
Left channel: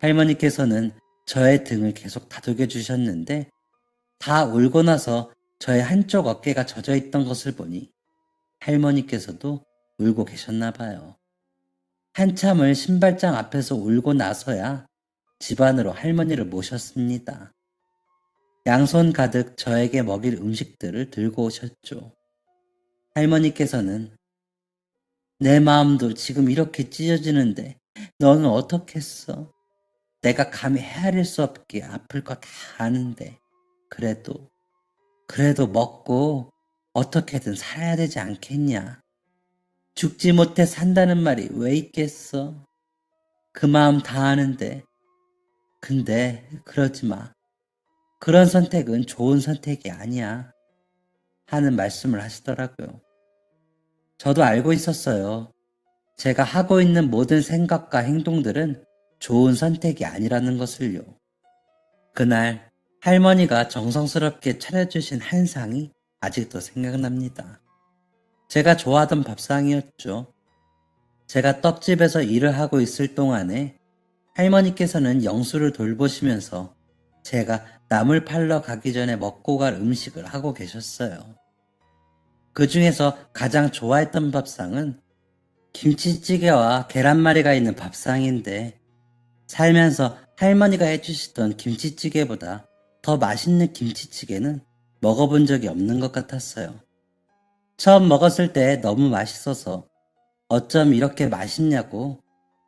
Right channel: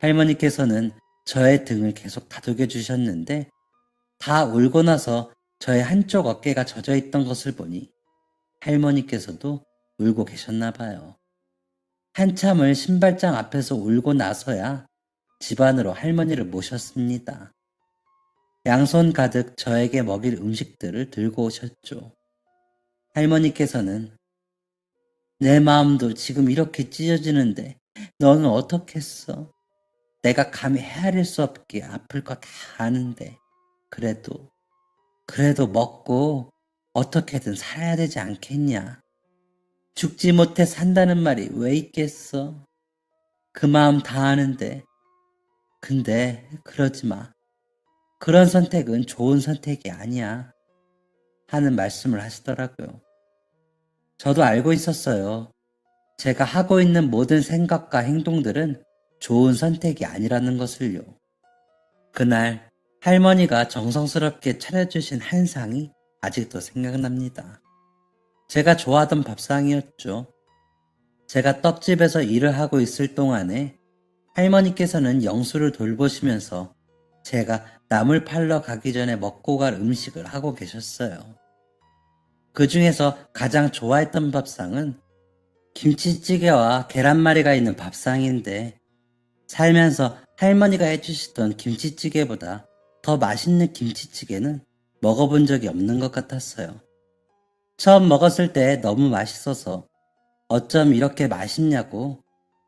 할머니께서는 저의 등을 계속 다독여 주셨는데 다 울고 나서 저의 한쪽 어깨가 젖어 있던 것을 보니 할머니께서도 울고 계셨나 봐요. 한참을 신발장 앞에서 울고 나서야 집 안으로 할머니를 모셨습니다. 양손 가득 저에게 먹일 음식들을 들고 오셨죠. 할머니께서는 내 마음도 지금 이렇게 찢어지는데 너는 어떻겠어? 내가 감히 헤아릴 수 없게 아플 거 다 아는데 그래도 먹고 어떻게든 살아야 되지 않겠냐? 죽지 못해 산다는 말이 왜 있겠어? 그 마음 다 아는데 근데 그러지 마. 그런 선택은 좋은 선택이 아니야. 하는 말씀을 하시더라고요. 저도 알고 있었어요. 제가 하고 있는 모든 생각과 행동들은 좋은 선택이 아니라는 것을요. 그날 할머니가 정성스럽게 차려주신 한상이 아직도 생각납니다. 제가 좋아하던 밥상이었죠. 제가 떡집에서 일을 하고 있을 동안에 할머니께서는 영수를 돌보시면서 제가 나물 팔러 가기 전에 먹고 갈 음식을 하고 계셨어요. 그 중에서 가장 좋아했던 밥상은 김치찌개와 계란말이가 있는 밥상인데 살면서 할머니가 해주시던 김치찌개보다 더 맛있는 김치찌개는 먹어본 적이 없는 것 같았어요. 처음 먹었을 때 너무 맛있어서 어쩜 이렇게 맛있냐고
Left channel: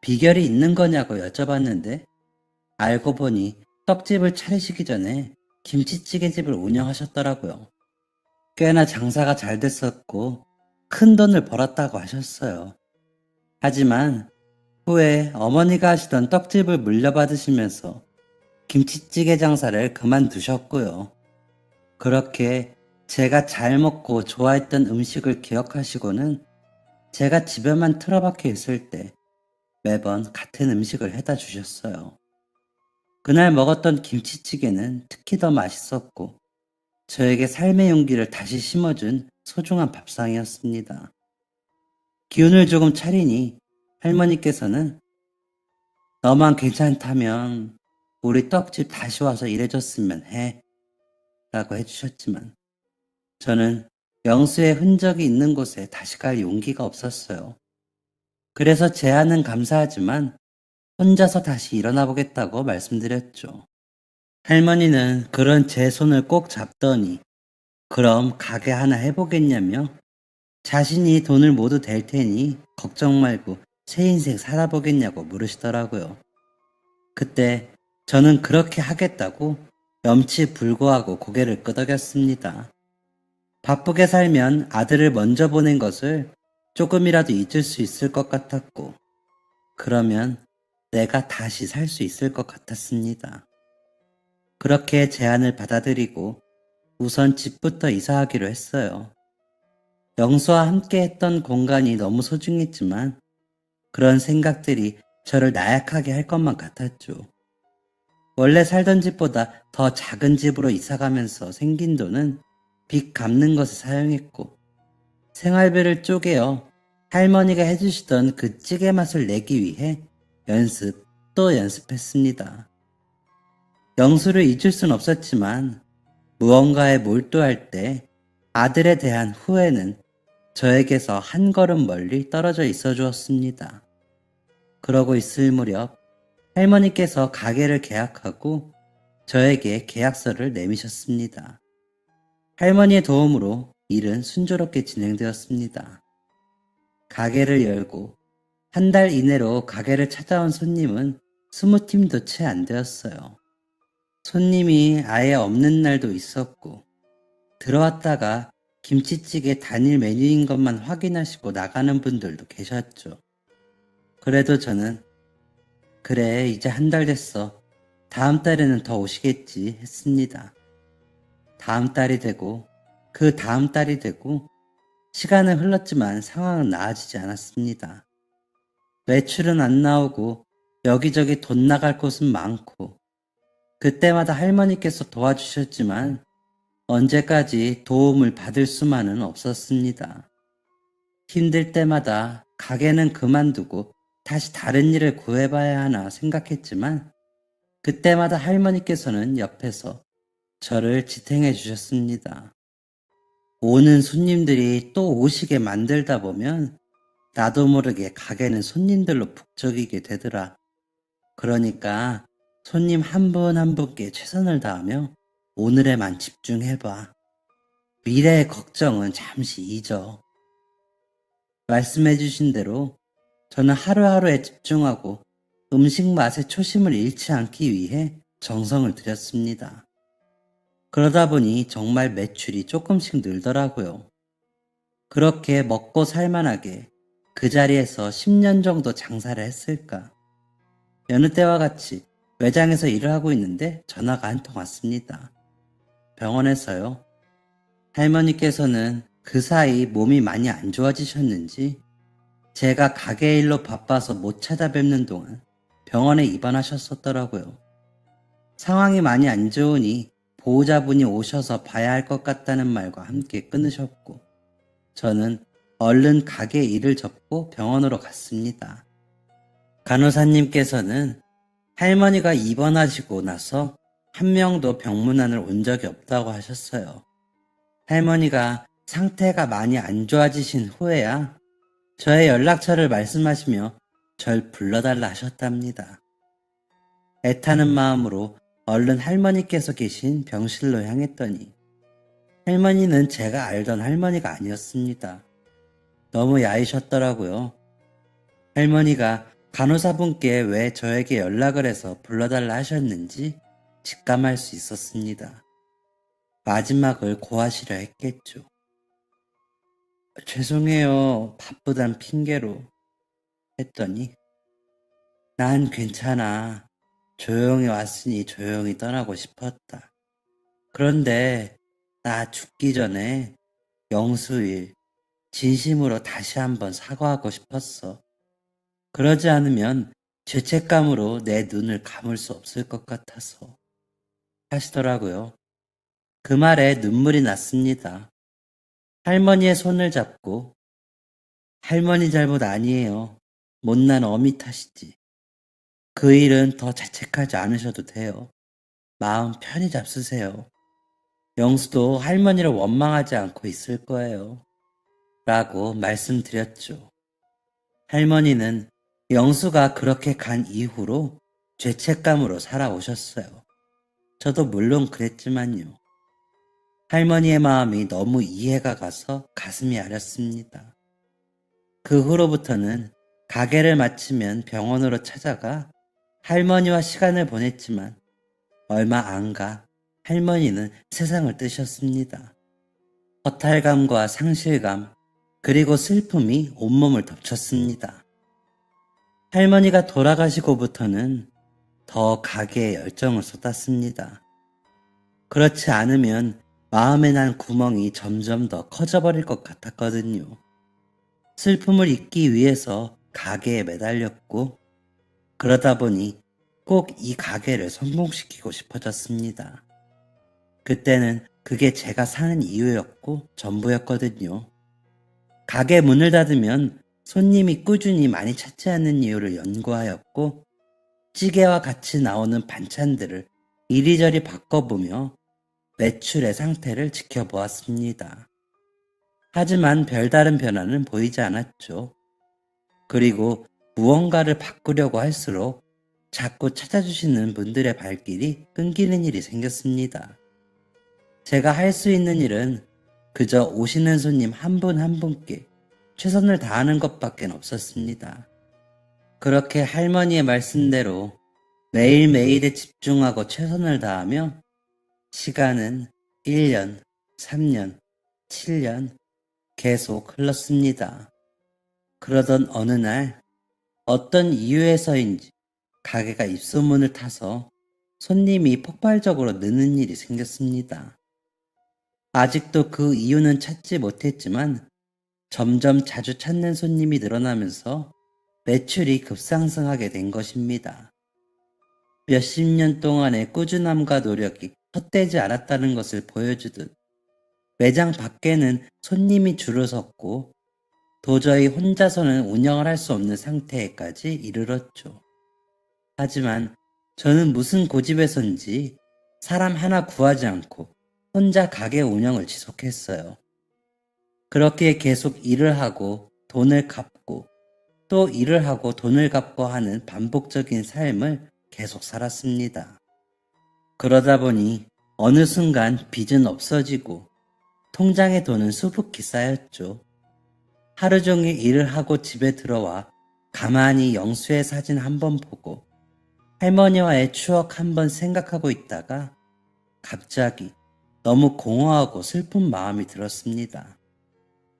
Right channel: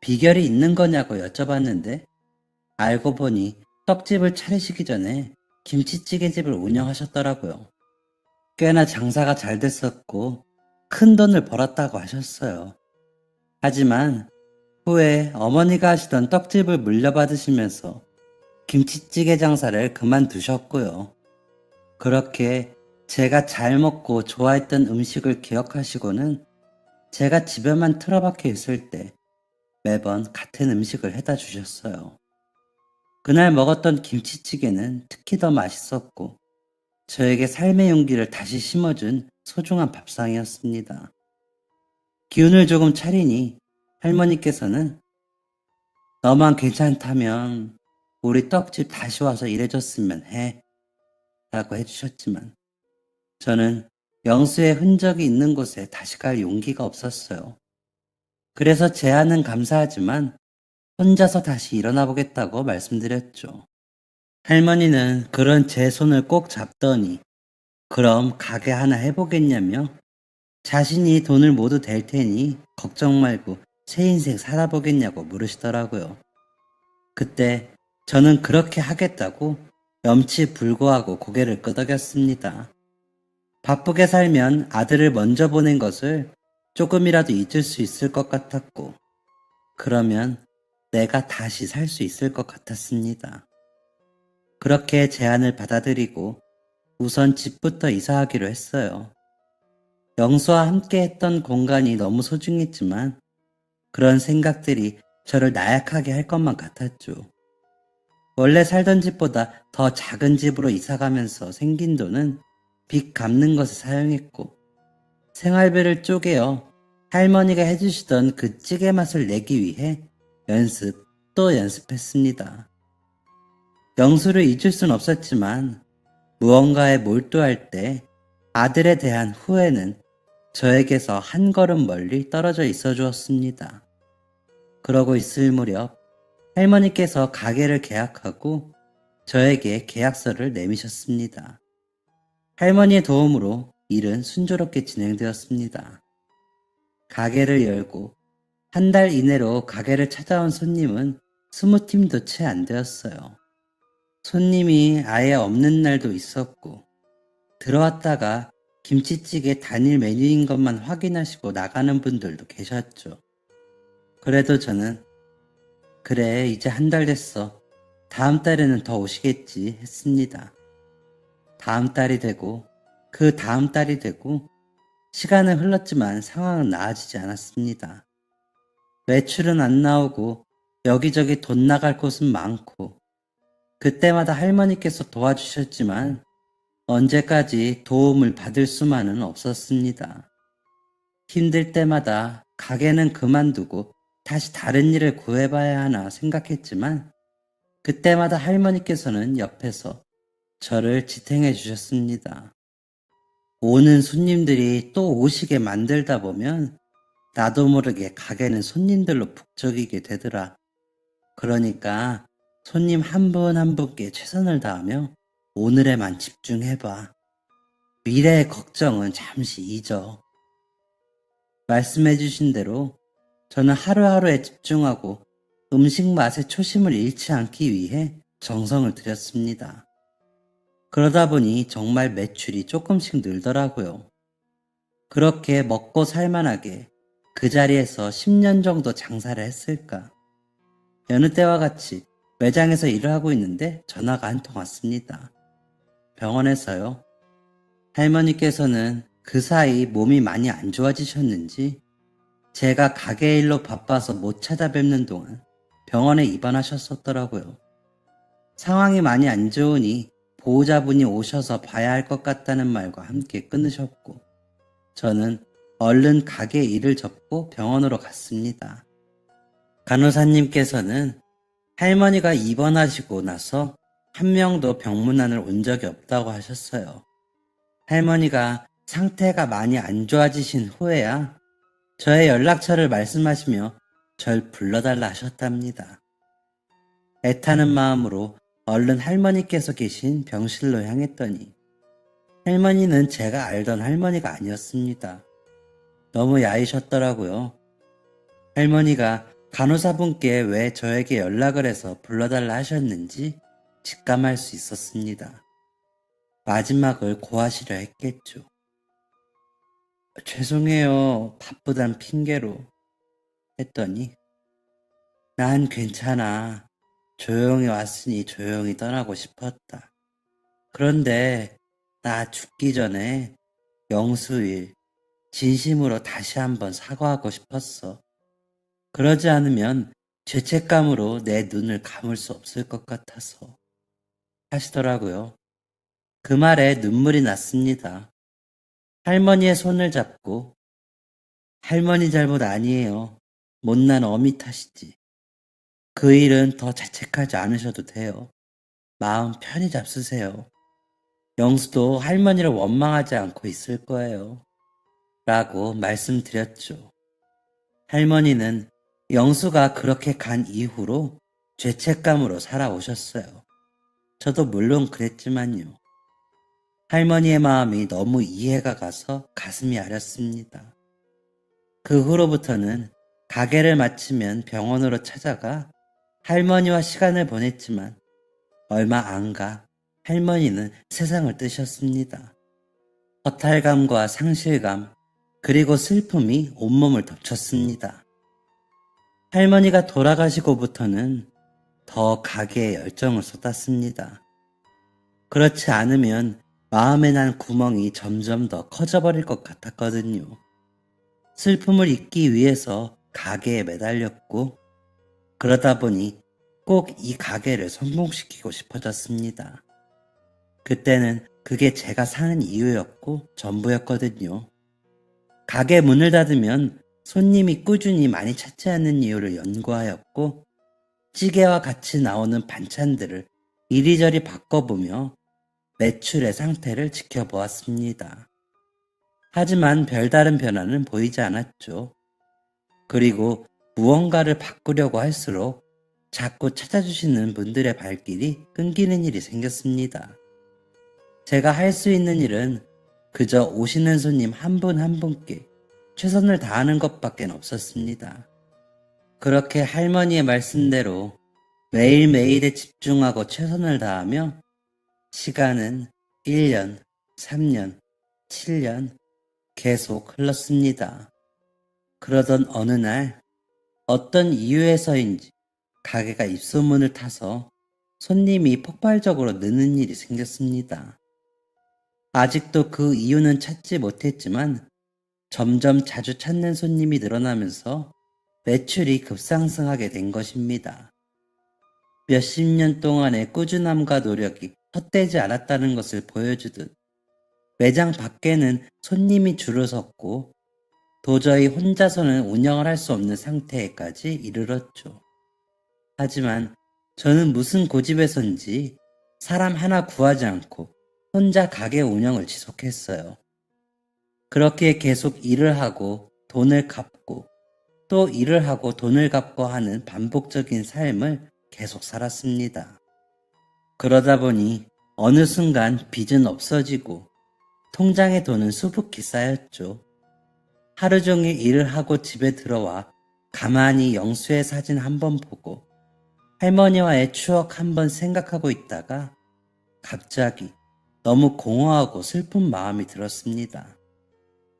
비결이 있는 거냐고 여쭤봤는데 알고 보니 떡집을 차리시기 전에 김치찌개집을 운영하셨더라고요. 꽤나 장사가 잘 됐었고 큰 돈을 벌었다고 하셨어요. 하지만 후에 어머니가 하시던 떡집을 물려받으시면서 김치찌개 장사를 그만두셨고요. 그렇게 제가 잘 먹고 좋아했던 음식을 기억하시고는 제가 집에만 틀어박혀 있을 때 매번 같은 음식을 해다 주셨어요. 그날 먹었던 김치찌개는 특히 더 맛있었고 저에게 삶의 용기를 다시 심어준 소중한 밥상이었습니다. 기운을 조금 차리니 할머니께서는 너만 괜찮다면 우리 떡집 다시 와서 일해줬으면 해 라고 해주셨지만 저는 영수의 흔적이 있는 곳에 다시 갈 용기가 없었어요. 그래서 제안은 감사하지만 혼자서 다시 일어나 보겠다고 말씀드렸죠. 할머니는 그런 제 손을 꼭 잡더니 그럼 가게 하나 해보겠냐며 자신이 돈을 모두 댈 테니 걱정 말고 새 인생 살아보겠냐고 물으시더라고요. 그때 저는 그렇게 하겠다고 염치불고하고 고개를 끄덕였습니다. 바쁘게 살면 아들을 먼저 보낸 것을 조금이라도 잊을 수 있을 것 같았고 그러면 내가 다시 살 수 있을 것 같았습니다. 그렇게 제안을 받아들이고 우선 집부터 이사하기로 했어요. 영수와 함께 했던 공간이 너무 소중했지만 그런 생각들이 저를 나약하게 할 것만 같았죠. 원래 살던 집보다 더 작은 집으로 이사가면서 생긴 돈은 빚 갚는 것에 사용했고 생활비를 쪼개어 할머니가 해주시던 그 찌개 맛을 내기 위해 연습 또 연습했습니다. 영수를 잊을 순 없었지만 무언가에 몰두할 때 아들에 대한 후회는 저에게서 한 걸음 멀리 떨어져 있어 주었습니다. 그러고 있을 무렵 할머니께서 가게를 계약하고 저에게 계약서를 내미셨습니다. 할머니의 도움으로 일은 순조롭게 진행되었습니다. 가게를 열고 한 달 이내로 가게를 찾아온 손님은 20팀도 채 안 되었어요. 손님이 아예 없는 날도 있었고 들어왔다가 김치찌개 단일 메뉴인 것만 확인하시고 나가는 분들도 계셨죠. 그래도 저는 그래 이제 한 달 됐어. 다음 달에는 더 오시겠지 했습니다. 다음 달이 되고 그 다음 달이 되고 시간은 흘렀지만 상황은 나아지지 않았습니다. 매출은 안 나오고 여기저기 돈 나갈 곳은 많고 그때마다 할머니께서 도와주셨지만 언제까지 도움을 받을 수만은 없었습니다. 힘들 때마다 가게는 그만두고 다시 다른 일을 구해봐야 하나 생각했지만 그때마다 할머니께서는 옆에서 저를 지탱해 주셨습니다. 오는 손님들이 또 오시게 만들다 보면 나도 모르게 가게는 손님들로 북적이게 되더라. 그러니까 손님 한 분 한 분께 최선을 다하며 오늘에만 집중해봐. 미래의 걱정은 잠시 잊어. 말씀해주신 대로 저는 하루하루에 집중하고 음식 맛에 초심을 잃지 않기 위해 정성을 들였습니다. 그러다 보니 정말 매출이 조금씩 늘더라고요. 그렇게 먹고 살만하게 그 자리에서 10년 정도 장사를 했을까. 여느 때와 같이 매장에서 일을 하고 있는데 전화가 한 통 왔습니다. 병원에서요. 할머니께서는 그 사이 몸이 많이 안 좋아지셨는지 제가 가게 일로 바빠서 못 찾아뵙는 동안 병원에 입원하셨었더라고요. 상황이 많이 안 좋으니 보호자분이 오셔서 봐야 할 것 같다는 말과 함께 끊으셨고 저는 얼른 가게 일을 접고 병원으로 갔습니다. 간호사님께서는 할머니가 입원하시고 나서 한 명도 병문안을 온 적이 없다고 하셨어요. 할머니가 상태가 많이 안 좋아지신 후에야 저의 연락처를 말씀하시며 절 불러달라 하셨답니다. 애타는 마음으로 얼른 할머니께서 계신 병실로 향했더니 할머니는 제가 알던 할머니가 아니었습니다. 너무 야이셨더라고요. 할머니가 간호사분께 왜 저에게 연락을 해서 불러달라 하셨는지 직감할 수 있었습니다. 마지막을 고하시려 했겠죠. 죄송해요. 바쁘단 핑계로 했더니 난 괜찮아. 조용히 왔으니 조용히 떠나고 싶었다. 그런데 나 죽기 전에 영수일 진심으로 다시 한번 사과하고 싶었어. 그러지 않으면 죄책감으로 내 눈을 감을 수 없을 것 같아서 하시더라고요. 그 말에 눈물이 났습니다. 할머니의 손을 잡고 할머니 잘못 아니에요. 못난 어미 탓이지. 그 일은 더 자책하지 않으셔도 돼요. 마음 편히 잡수세요. 영수도 할머니를 원망하지 않고 있을 거예요. 라고 말씀드렸죠. 할머니는 영수가 그렇게 간 이후로 죄책감으로 살아오셨어요. 저도 물론 그랬지만요. 할머니의 마음이 너무 이해가 가서 가슴이 아렸습니다. 그 후로부터는 가게를 마치면 병원으로 찾아가 할머니와 시간을 보냈지만 얼마 안 가 할머니는 세상을 뜨셨습니다. 허탈감과 상실감 그리고 슬픔이 온몸을 덮쳤습니다. 할머니가 돌아가시고부터는 더 가게에 열정을 쏟았습니다. 그렇지 않으면 마음에 난 구멍이 점점 더 커져버릴 것 같았거든요. 슬픔을 잊기 위해서 가게에 매달렸고 그러다 보니 꼭 이 가게를 성공시키고 싶어졌습니다. 그때는 그게 제가 사는 이유였고 전부였거든요. 가게 문을 닫으면 손님이 꾸준히 많이 찾지 않는 이유를 연구하였고 찌개와 같이 나오는 반찬들을 이리저리 바꿔보며 매출의 상태를 지켜보았습니다. 하지만 별다른 변화는 보이지 않았죠. 그리고 무언가를 바꾸려고 할수록 자꾸 찾아주시는 분들의 발길이 끊기는 일이 생겼습니다. 제가 할 수 있는 일은 그저 오시는 손님 한 분 한 분께 최선을 다하는 것밖에 없었습니다. 그렇게 할머니의 말씀대로 매일매일에 집중하고 최선을 다하며 시간은 1년, 3년, 7년 계속 흘렀습니다. 그러던 어느 날 어떤 이유에서인지 가게가 입소문을 타서 손님이 폭발적으로 느는 일이 생겼습니다. 아직도 그 이유는 찾지 못했지만 점점 자주 찾는 손님이 늘어나면서 매출이 급상승하게 된 것입니다. 몇십 년 동안의 꾸준함과 노력이 헛되지 않았다는 것을 보여주듯 매장 밖에는 손님이 줄을 섰고 도저히 혼자서는 운영을 할 수 없는 상태에까지 이르렀죠. 하지만 저는 무슨 고집에선지 사람 하나 구하지 않고 혼자 가게 운영을 지속했어요. 그렇게 계속 일을 하고 돈을 갚고 또 일을 하고 돈을 갚고 하는 반복적인 삶을 계속 살았습니다. 그러다 보니 어느 순간 빚은 없어지고 통장에 돈은 수북히 쌓였죠. 하루 종일 일을 하고 집에 들어와 가만히 영수의 사진 한 번 보고 할머니와의 추억 한 번 생각하고 있다가 갑자기 너무 공허하고 슬픈 마음이 들었습니다.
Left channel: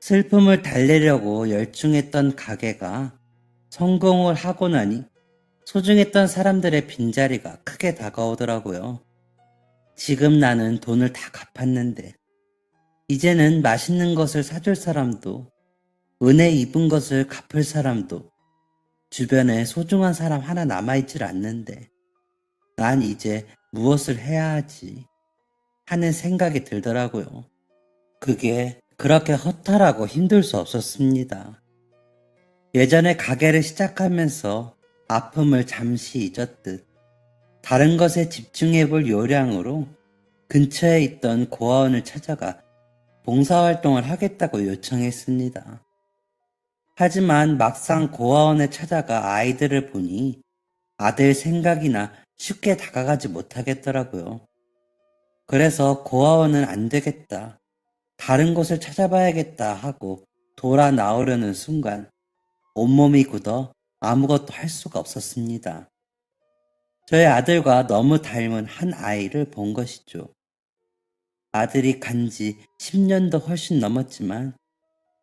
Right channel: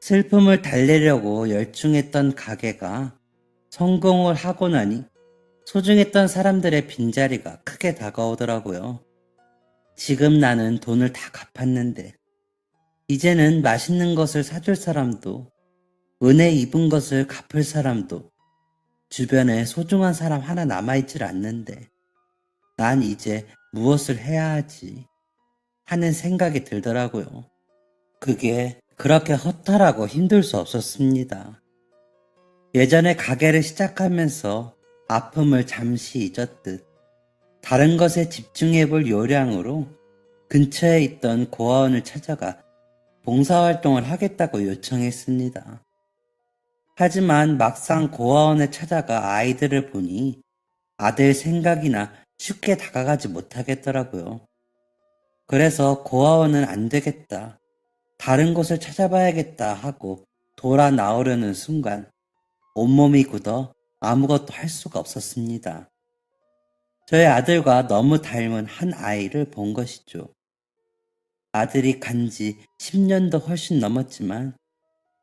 슬픔을 달래려고 열중했던 가게가 성공을 하고 나니 소중했던 사람들의 빈자리가 크게 다가오더라고요. 지금 나는 돈을 다 갚았는데 이제는 맛있는 것을 사줄 사람도 은혜 입은 것을 갚을 사람도 주변에 소중한 사람 하나 남아있질 않는데 난 이제 무엇을 해야 하지 하는 생각이 들더라고요. 그게 그렇게 허탈하고 힘들 수 없었습니다. 예전에 가게를 시작하면서 아픔을 잠시 잊었듯 다른 것에 집중해볼 요량으로 근처에 있던 고아원을 찾아가 봉사활동을 하겠다고 요청했습니다. 하지만 막상 고아원에 찾아가 아이들을 보니 아들 생각이나 쉽게 다가가지 못하겠더라고요. 그래서 고아원은 안 되겠다, 다른 곳을 찾아봐야겠다 하고 돌아 나오려는 순간 온몸이 굳어 아무것도 할 수가 없었습니다. 저희 아들과 너무 닮은 한 아이를 본 것이죠. 아들이 간지 10년도 훨씬 넘었지만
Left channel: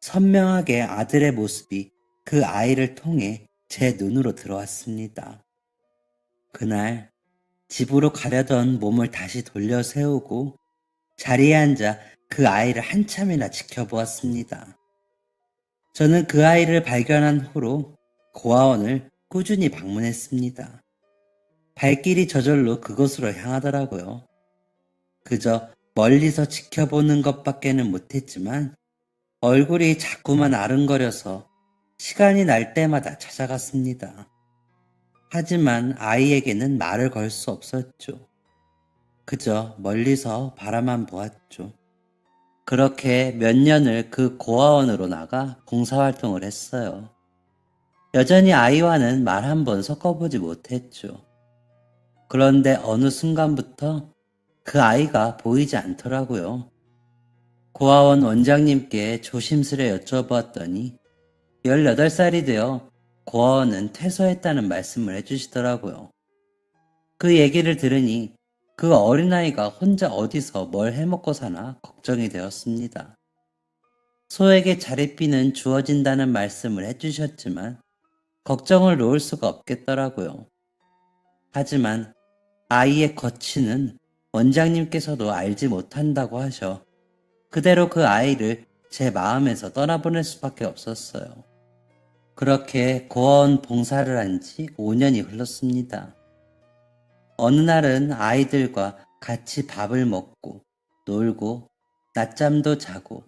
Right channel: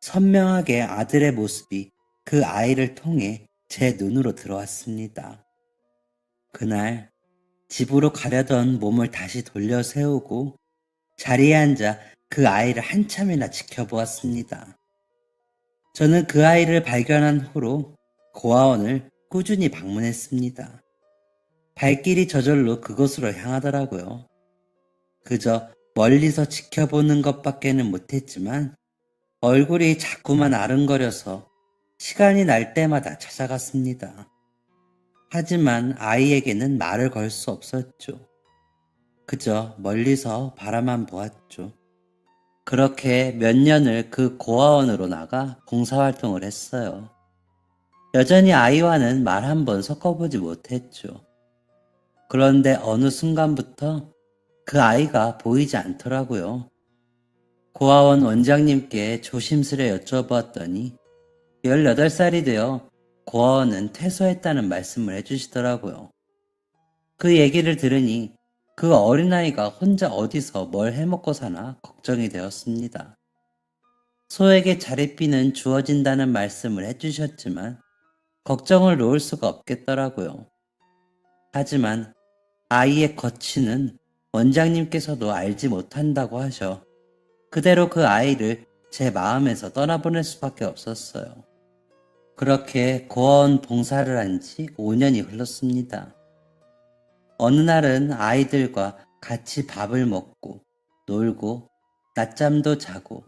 선명하게 아들의 모습이 그 아이를 통해 제 눈으로 들어왔습니다. 그날 집으로 가려던 몸을 다시 돌려 세우고 자리에 앉아 그 아이를 한참이나 지켜보았습니다. 저는 그 아이를 발견한 후로 고아원을 꾸준히 방문했습니다. 발길이 저절로 그곳으로 향하더라고요. 그저 멀리서 지켜보는 것밖에는 못했지만 얼굴이 자꾸만 아른거려서 시간이 날 때마다 찾아갔습니다. 하지만 아이에게는 말을 걸 수 없었죠. 그저 멀리서 바라만 보았죠. 그렇게 몇 년을 그 고아원으로 나가 봉사활동을 했어요. 여전히 아이와는 말 한 번 섞어보지 못했죠. 그런데 어느 순간부터 그 아이가 보이지 않더라고요. 고아원 원장님께 조심스레 여쭤보았더니 18살이 되어 고아원은 퇴소했다는 말씀을 해주시더라고요. 그 얘기를 들으니 그 어린아이가 혼자 어디서 뭘 해먹고 사나 걱정이 되었습니다. 소에게 자릿비는 주어진다는 말씀을 해주셨지만 걱정을 놓을 수가 없겠더라고요. 하지만 아이의 거취는 원장님께서도 알지 못한다고 하셔 그대로 그 아이를 제 마음에서 떠나보낼 수밖에 없었어요. 그렇게 고아원 봉사를 한 지 5년이 흘렀습니다. 어느 날은 아이들과 같이 밥을 먹고 놀고 낮잠도 자고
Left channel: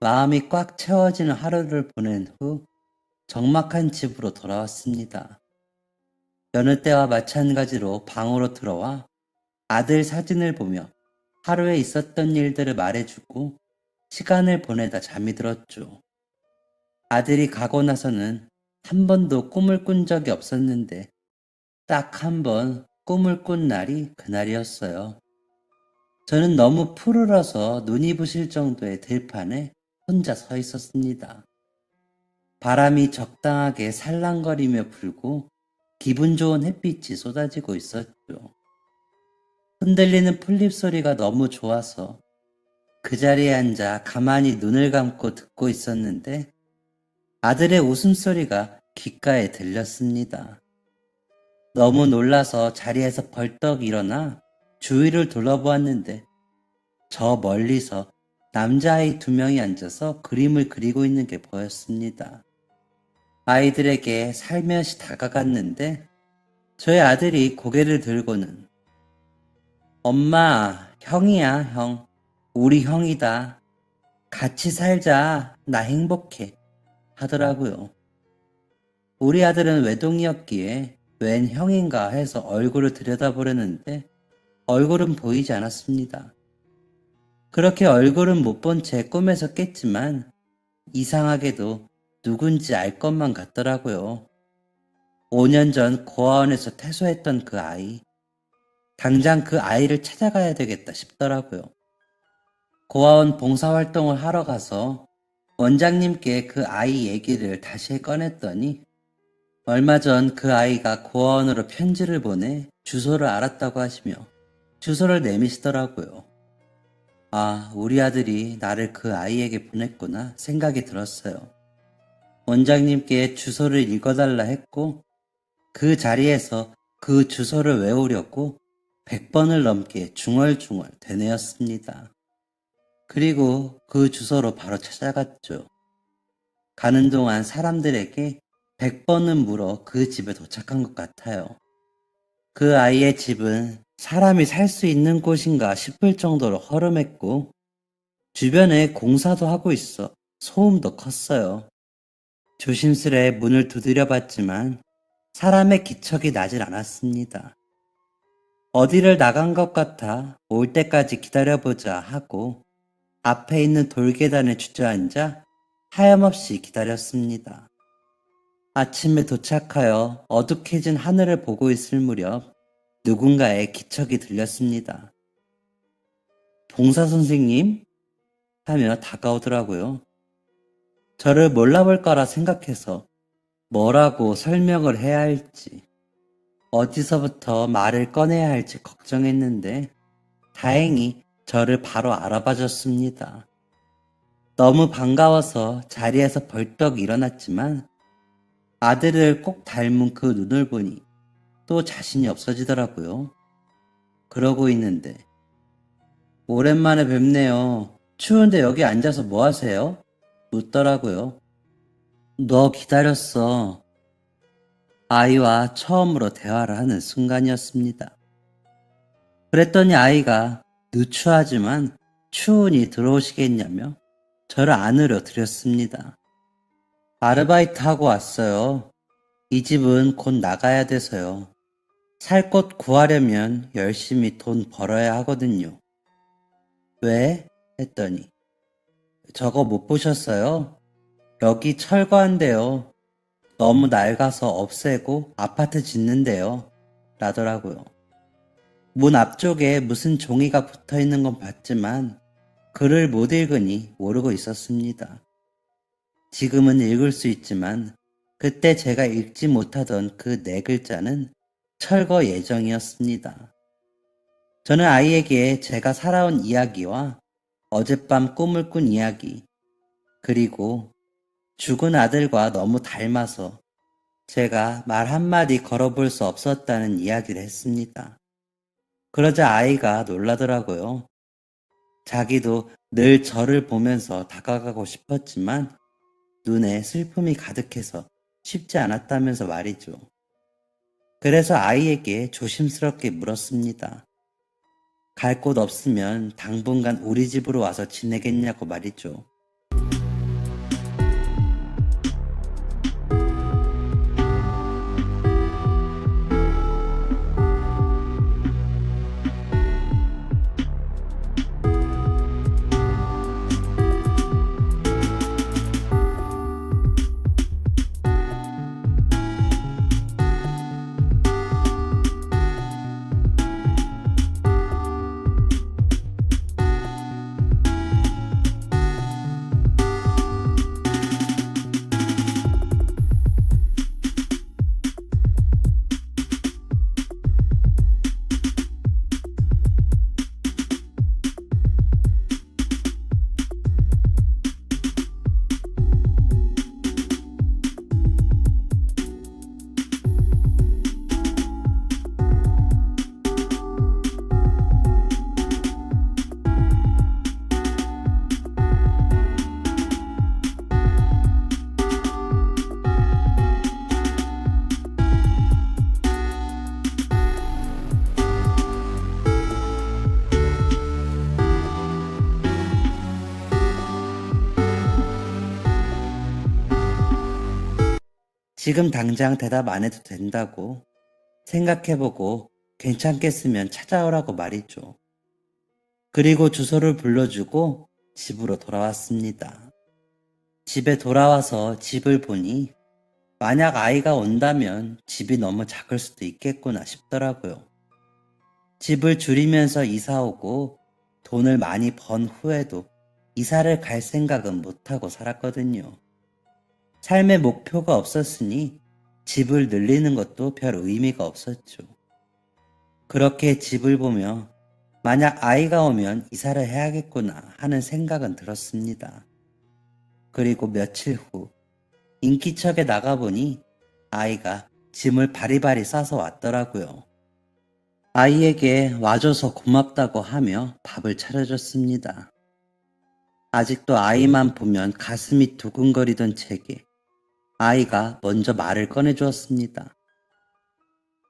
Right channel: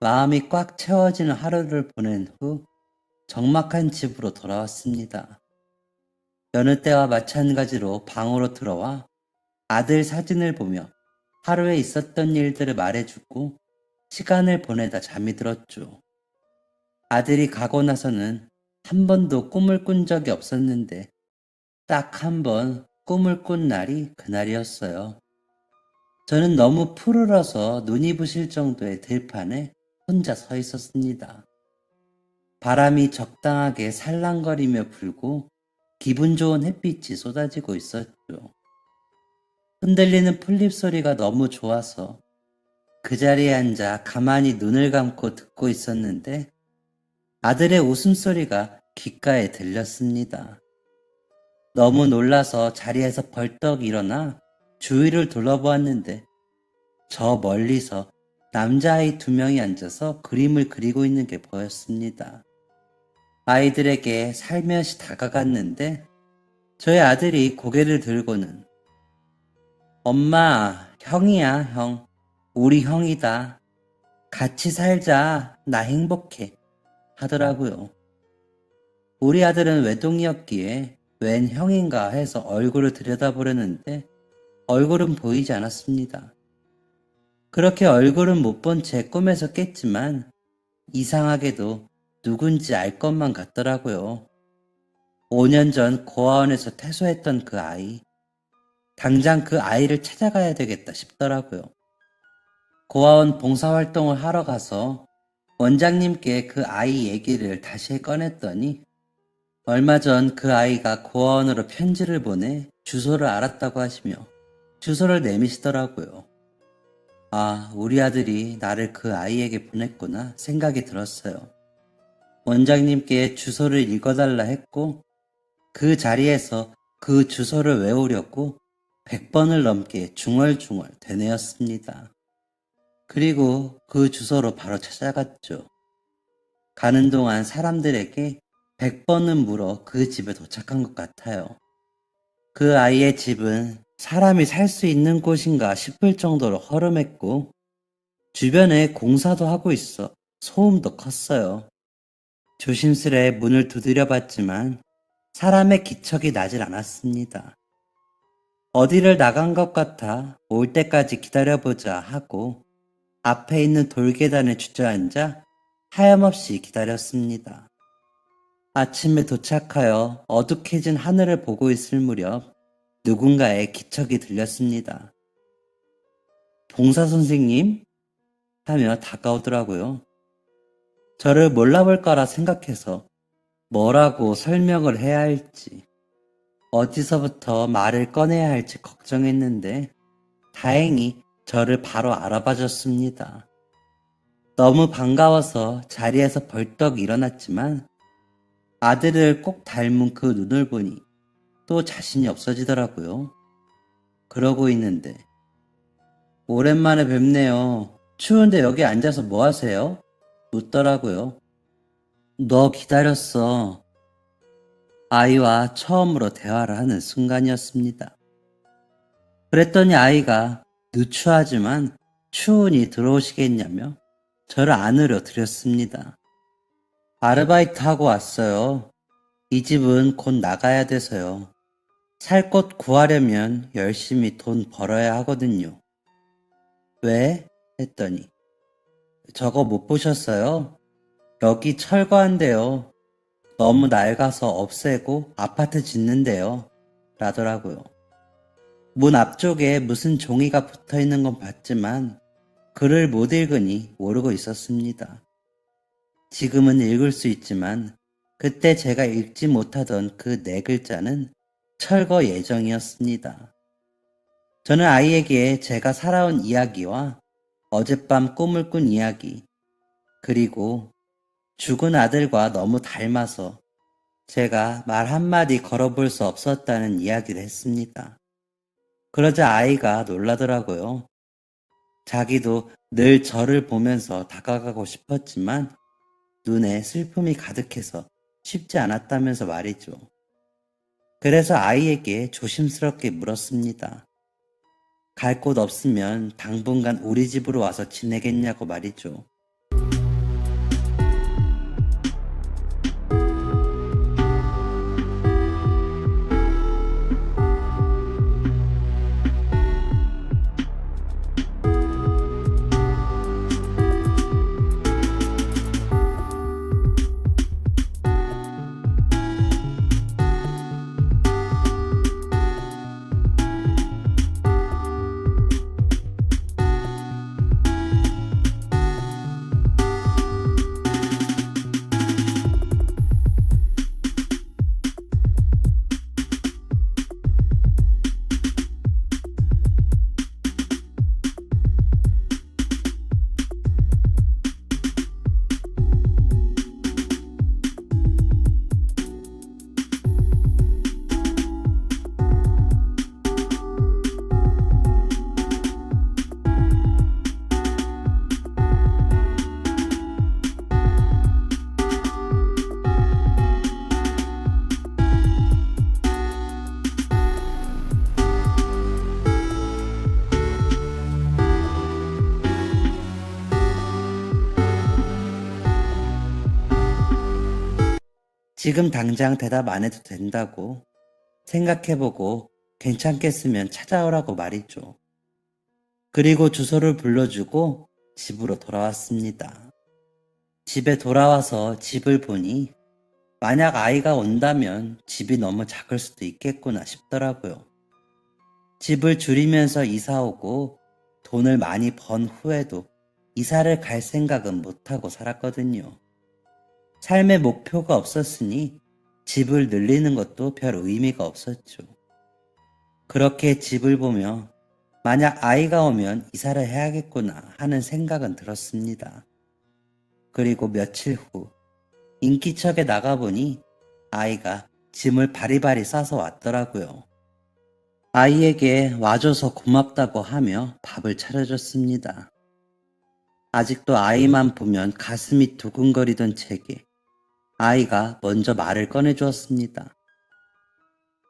마음이 꽉 채워지는 하루를 보낸 후 적막한 집으로 돌아왔습니다. 여느 때와 마찬가지로 방으로 들어와 아들 사진을 보며 하루에 있었던 일들을 말해주고 시간을 보내다 잠이 들었죠. 아들이 가고 나서는 한 번도 꿈을 꾼 적이 없었는데 딱 한 번 꿈을 꾼 날이 그날이었어요. 저는 너무 푸르러서 눈이 부실 정도의 들판에 혼자 서 있었습니다. 바람이 적당하게 살랑거리며 불고 기분 좋은 햇빛이 쏟아지고 있었죠. 흔들리는 풀잎 소리가 너무 좋아서 그 자리에 앉아 가만히 눈을 감고 듣고 있었는데 아들의 웃음소리가 귓가에 들렸습니다. 너무 놀라서 자리에서 벌떡 일어나 주위를 둘러보았는데 저 멀리서 남자아이 2명이 앉아서 그림을 그리고 있는 게 보였습니다. 아이들에게 살며시 다가갔는데 저희 아들이 고개를 들고는 엄마, 형이야, 형. 우리 형이다. 같이 살자. 나 행복해. 하더라고요. 우리 아들은 외동이었기에 웬 형인가 해서 얼굴을 들여다보려는데 얼굴은 보이지 않았습니다. 그렇게 얼굴은 못 본 채 꿈에서 깼지만 이상하게도 누군지 알 것만 같더라고요. 5년 전 고아원에서 퇴소했던 그 아이. 당장 그 아이를 찾아가야 되겠다 싶더라고요. 고아원 봉사활동을 하러 가서 원장님께 그 아이 얘기를 다시 꺼냈더니 얼마 전 그 아이가 고아원으로 편지를 보내 주소를 알았다고 하시며 주소를 내미시더라고요. 아, 우리 아들이 나를 그 아이에게 보냈구나 생각이 들었어요. 원장님께 주소를 읽어달라 했고 그 자리에서 그 주소를 외우려고 100번을 넘게 중얼중얼 되뇌었습니다. 그리고 그 주소로 바로 찾아갔죠. 가는 동안 사람들에게 100번은 물어 그 집에 도착한 것 같아요. 그 아이의 집은 사람이 살 수 있는 곳인가 싶을 정도로 허름했고 주변에 공사도 하고 있어 소음도 컸어요. 조심스레 문을 두드려 봤지만 사람의 기척이 나질 않았습니다. 어디를 나간 것 같아 올 때까지 기다려보자 하고 앞에 있는 돌계단에 주저앉아 하염없이 기다렸습니다. 아침에 도착하여 어둑해진 하늘을 보고 있을 무렵 누군가의 기척이 들렸습니다. 봉사 선생님? 하며 다가오더라고요. 저를 몰라볼 거라 생각해서 뭐라고 설명을 해야 할지, 어디서부터 말을 꺼내야 할지 걱정했는데 다행히 저를 바로 알아봐 줬습니다. 너무 반가워서 자리에서 벌떡 일어났지만 아들을 꼭 닮은 그 눈을 보니 또 자신이 없어지더라고요. 그러고 있는데 오랜만에 뵙네요. 추운데 여기 앉아서 뭐 하세요? 묻더라고요. 너 기다렸어. 아이와 처음으로 대화를 하는 순간이었습니다. 그랬더니 아이가 누추하지만 추운이 들어오시겠냐며 저를 안으려 드렸습니다. 아르바이트 하고 왔어요. 이 집은 곧 나가야 돼서요. 살 곳 구하려면 열심히 돈 벌어야 하거든요. 왜? 했더니 저거 못 보셨어요? 여기 철거한대요. 너무 낡아서 없애고 아파트 짓는데요. 라더라고요. 문 앞쪽에 무슨 종이가 붙어 있는 건 봤지만 글을 못 읽으니 모르고 있었습니다. 지금은 읽을 수 있지만 그때 제가 읽지 못하던 그 네 글자는 철거 예정이었습니다. 저는 아이에게 제가 살아온 이야기와 어젯밤 꿈을 꾼 이야기, 그리고 죽은 아들과 너무 닮아서 제가 말 한마디 걸어볼 수 없었다는 이야기를 했습니다. 그러자 아이가 놀라더라고요. 자기도 늘 저를 보면서 다가가고 싶었지만 눈에 슬픔이 가득해서 쉽지 않았다면서 말이죠. 그래서 아이에게 조심스럽게 물었습니다. 갈 곳 없으면 당분간 우리 집으로 와서 지내겠냐고 말이죠. 지금 당장 대답 안 해도 된다고 생각해보고 괜찮겠으면 찾아오라고 말이죠. 그리고 주소를 불러주고 집으로 돌아왔습니다. 집에 돌아와서 집을 보니 만약 아이가 온다면 집이 너무 작을 수도 있겠구나 싶더라고요. 집을 줄이면서 이사 오고 돈을 많이 번 후에도 이사를 갈 생각은 못하고 살았거든요. 삶의 목표가 없었으니 집을 늘리는 것도 별 의미가 없었죠. 그렇게 집을 보며 만약 아이가 오면 이사를 해야겠구나 하는 생각은 들었습니다. 그리고 며칠 후 인기척에 나가보니 아이가 짐을 바리바리 싸서 왔더라고요. 아이에게 와줘서 고맙다고 하며 밥을 차려줬습니다. 아직도 아이만 보면 가슴이 두근거리던 제게 아이가 먼저 말을 꺼내주었습니다.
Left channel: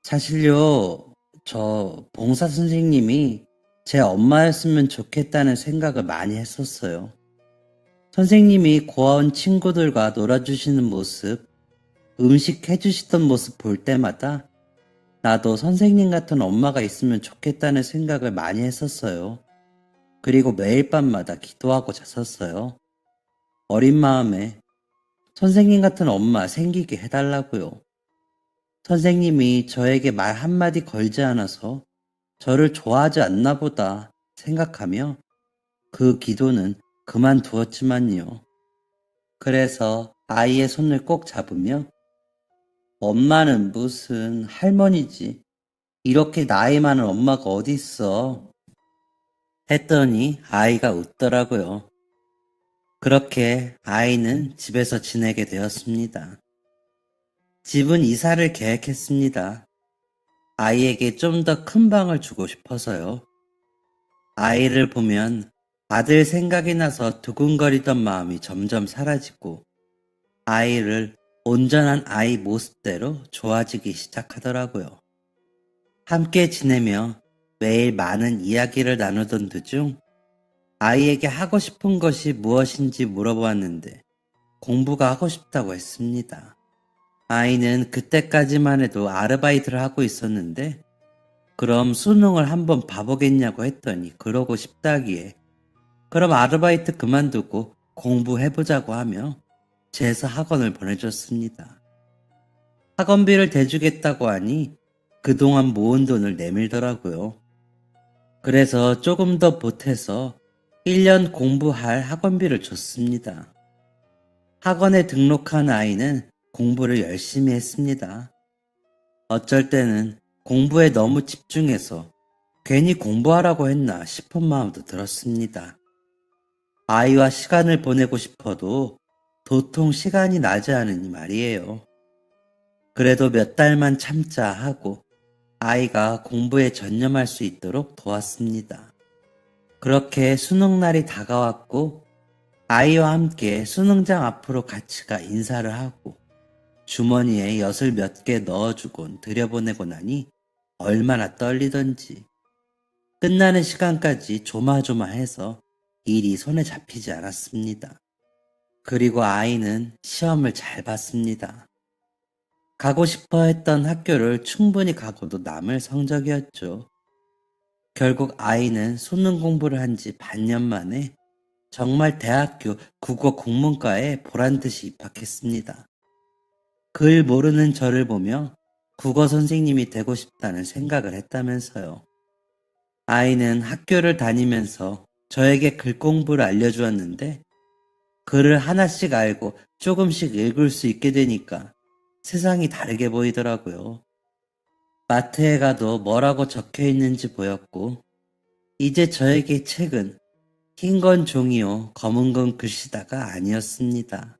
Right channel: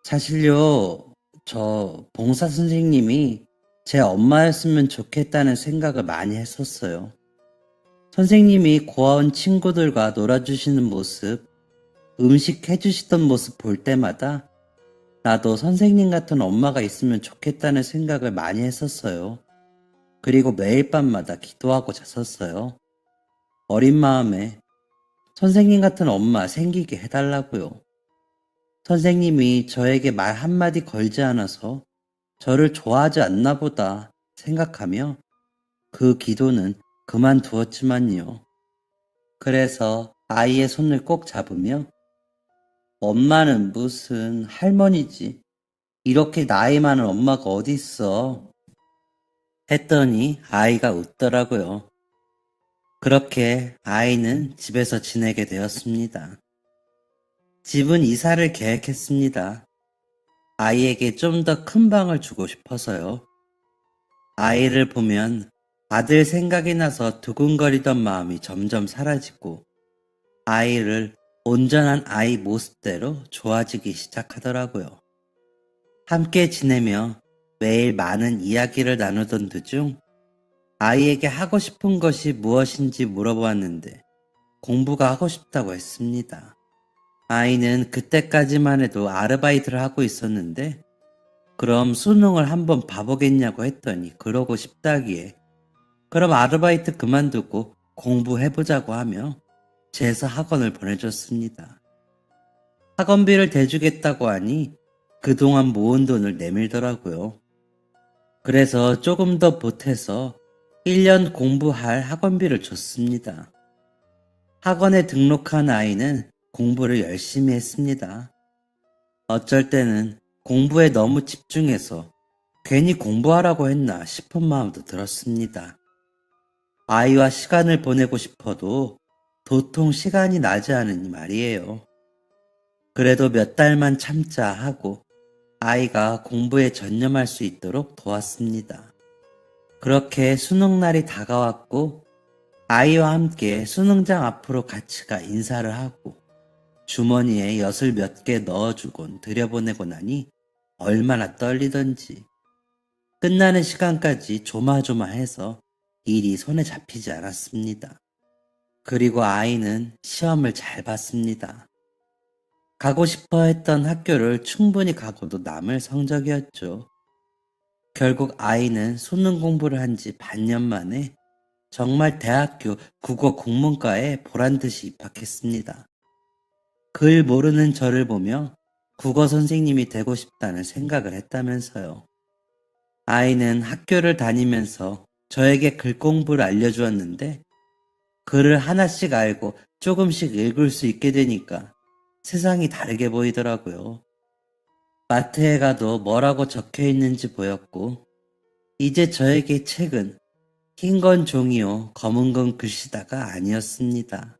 사실요, 저 봉사 선생님이 제 엄마였으면 좋겠다는 생각을 많이 했었어요. 선생님이 고아원 친구들과 놀아주시는 모습, 음식 해주시던 모습 볼 때마다 나도 선생님 같은 엄마가 있으면 좋겠다는 생각을 많이 했었어요. 그리고 매일 밤마다 기도하고 잤었어요. 어린 마음에 선생님 같은 엄마 생기게 해달라고요. 선생님이 저에게 말 한마디 걸지 않아서 저를 좋아하지 않나 보다 생각하며 그 기도는 그만두었지만요. 그래서 아이의 손을 꼭 잡으며 엄마는 무슨 할머니지. 이렇게 나이 많은 엄마가 어디 있어. 했더니 아이가 웃더라고요. 그렇게 아이는 집에서 지내게 되었습니다. 집은 이사를 계획했습니다. 아이에게 좀 더 큰 방을 주고 싶어서요. 아이를 보면 아들 생각이 나서 두근거리던 마음이 점점 사라지고 아이를 온전한 아이 모습대로 좋아지기 시작하더라고요. 함께 지내며 매일 많은 이야기를 나누던 도중 아이에게 하고 싶은 것이 무엇인지 물어보았는데 공부가 하고 싶다고 했습니다. 아이는 그때까지만 해도 아르바이트를 하고 있었는데 그럼 수능을 한번 봐보겠냐고 했더니 그러고 싶다기에 그럼 아르바이트 그만두고 공부해보자고 하며 재수 학원을 보내줬습니다. 학원비를 대주겠다고 하니 그동안 모은 돈을 내밀더라고요. 그래서 조금 더 보태서 1년 공부할 학원비를 줬습니다. 학원에 등록한 아이는 공부를 열심히 했습니다. 어쩔 때는 공부에 너무 집중해서 괜히 공부하라고 했나 싶은 마음도 들었습니다. 아이와 시간을 보내고 싶어도 도통 시간이 나지 않으니 말이에요. 그래도 몇 달만 참자 하고 아이가 공부에 전념할 수 있도록 도왔습니다. 그렇게 수능날이 다가왔고 아이와 함께 수능장 앞으로 같이 가 인사를 하고 주머니에 엿을 몇 개 넣어주곤 들여보내고 나니 얼마나 떨리던지 끝나는 시간까지 조마조마해서 일이 손에 잡히지 않았습니다. 그리고 아이는 시험을 잘 봤습니다. 가고 싶어 했던 학교를 충분히 가고도 남을 성적이었죠. 결국 아이는 수능 공부를 한 지 반년 만에 정말 대학교 국어 국문과에 보란듯이 입학했습니다. 글 모르는 저를 보며 국어 선생님이 되고 싶다는 생각을 했다면서요. 아이는 학교를 다니면서 저에게 글 공부를 알려주었는데 글을 하나씩 알고 조금씩 읽을 수 있게 되니까 세상이 다르게 보이더라고요. 마트에 가도 뭐라고 적혀 있는지 보였고 이제 저에게 책은 흰 건 종이요 검은 건 글씨다가 아니었습니다.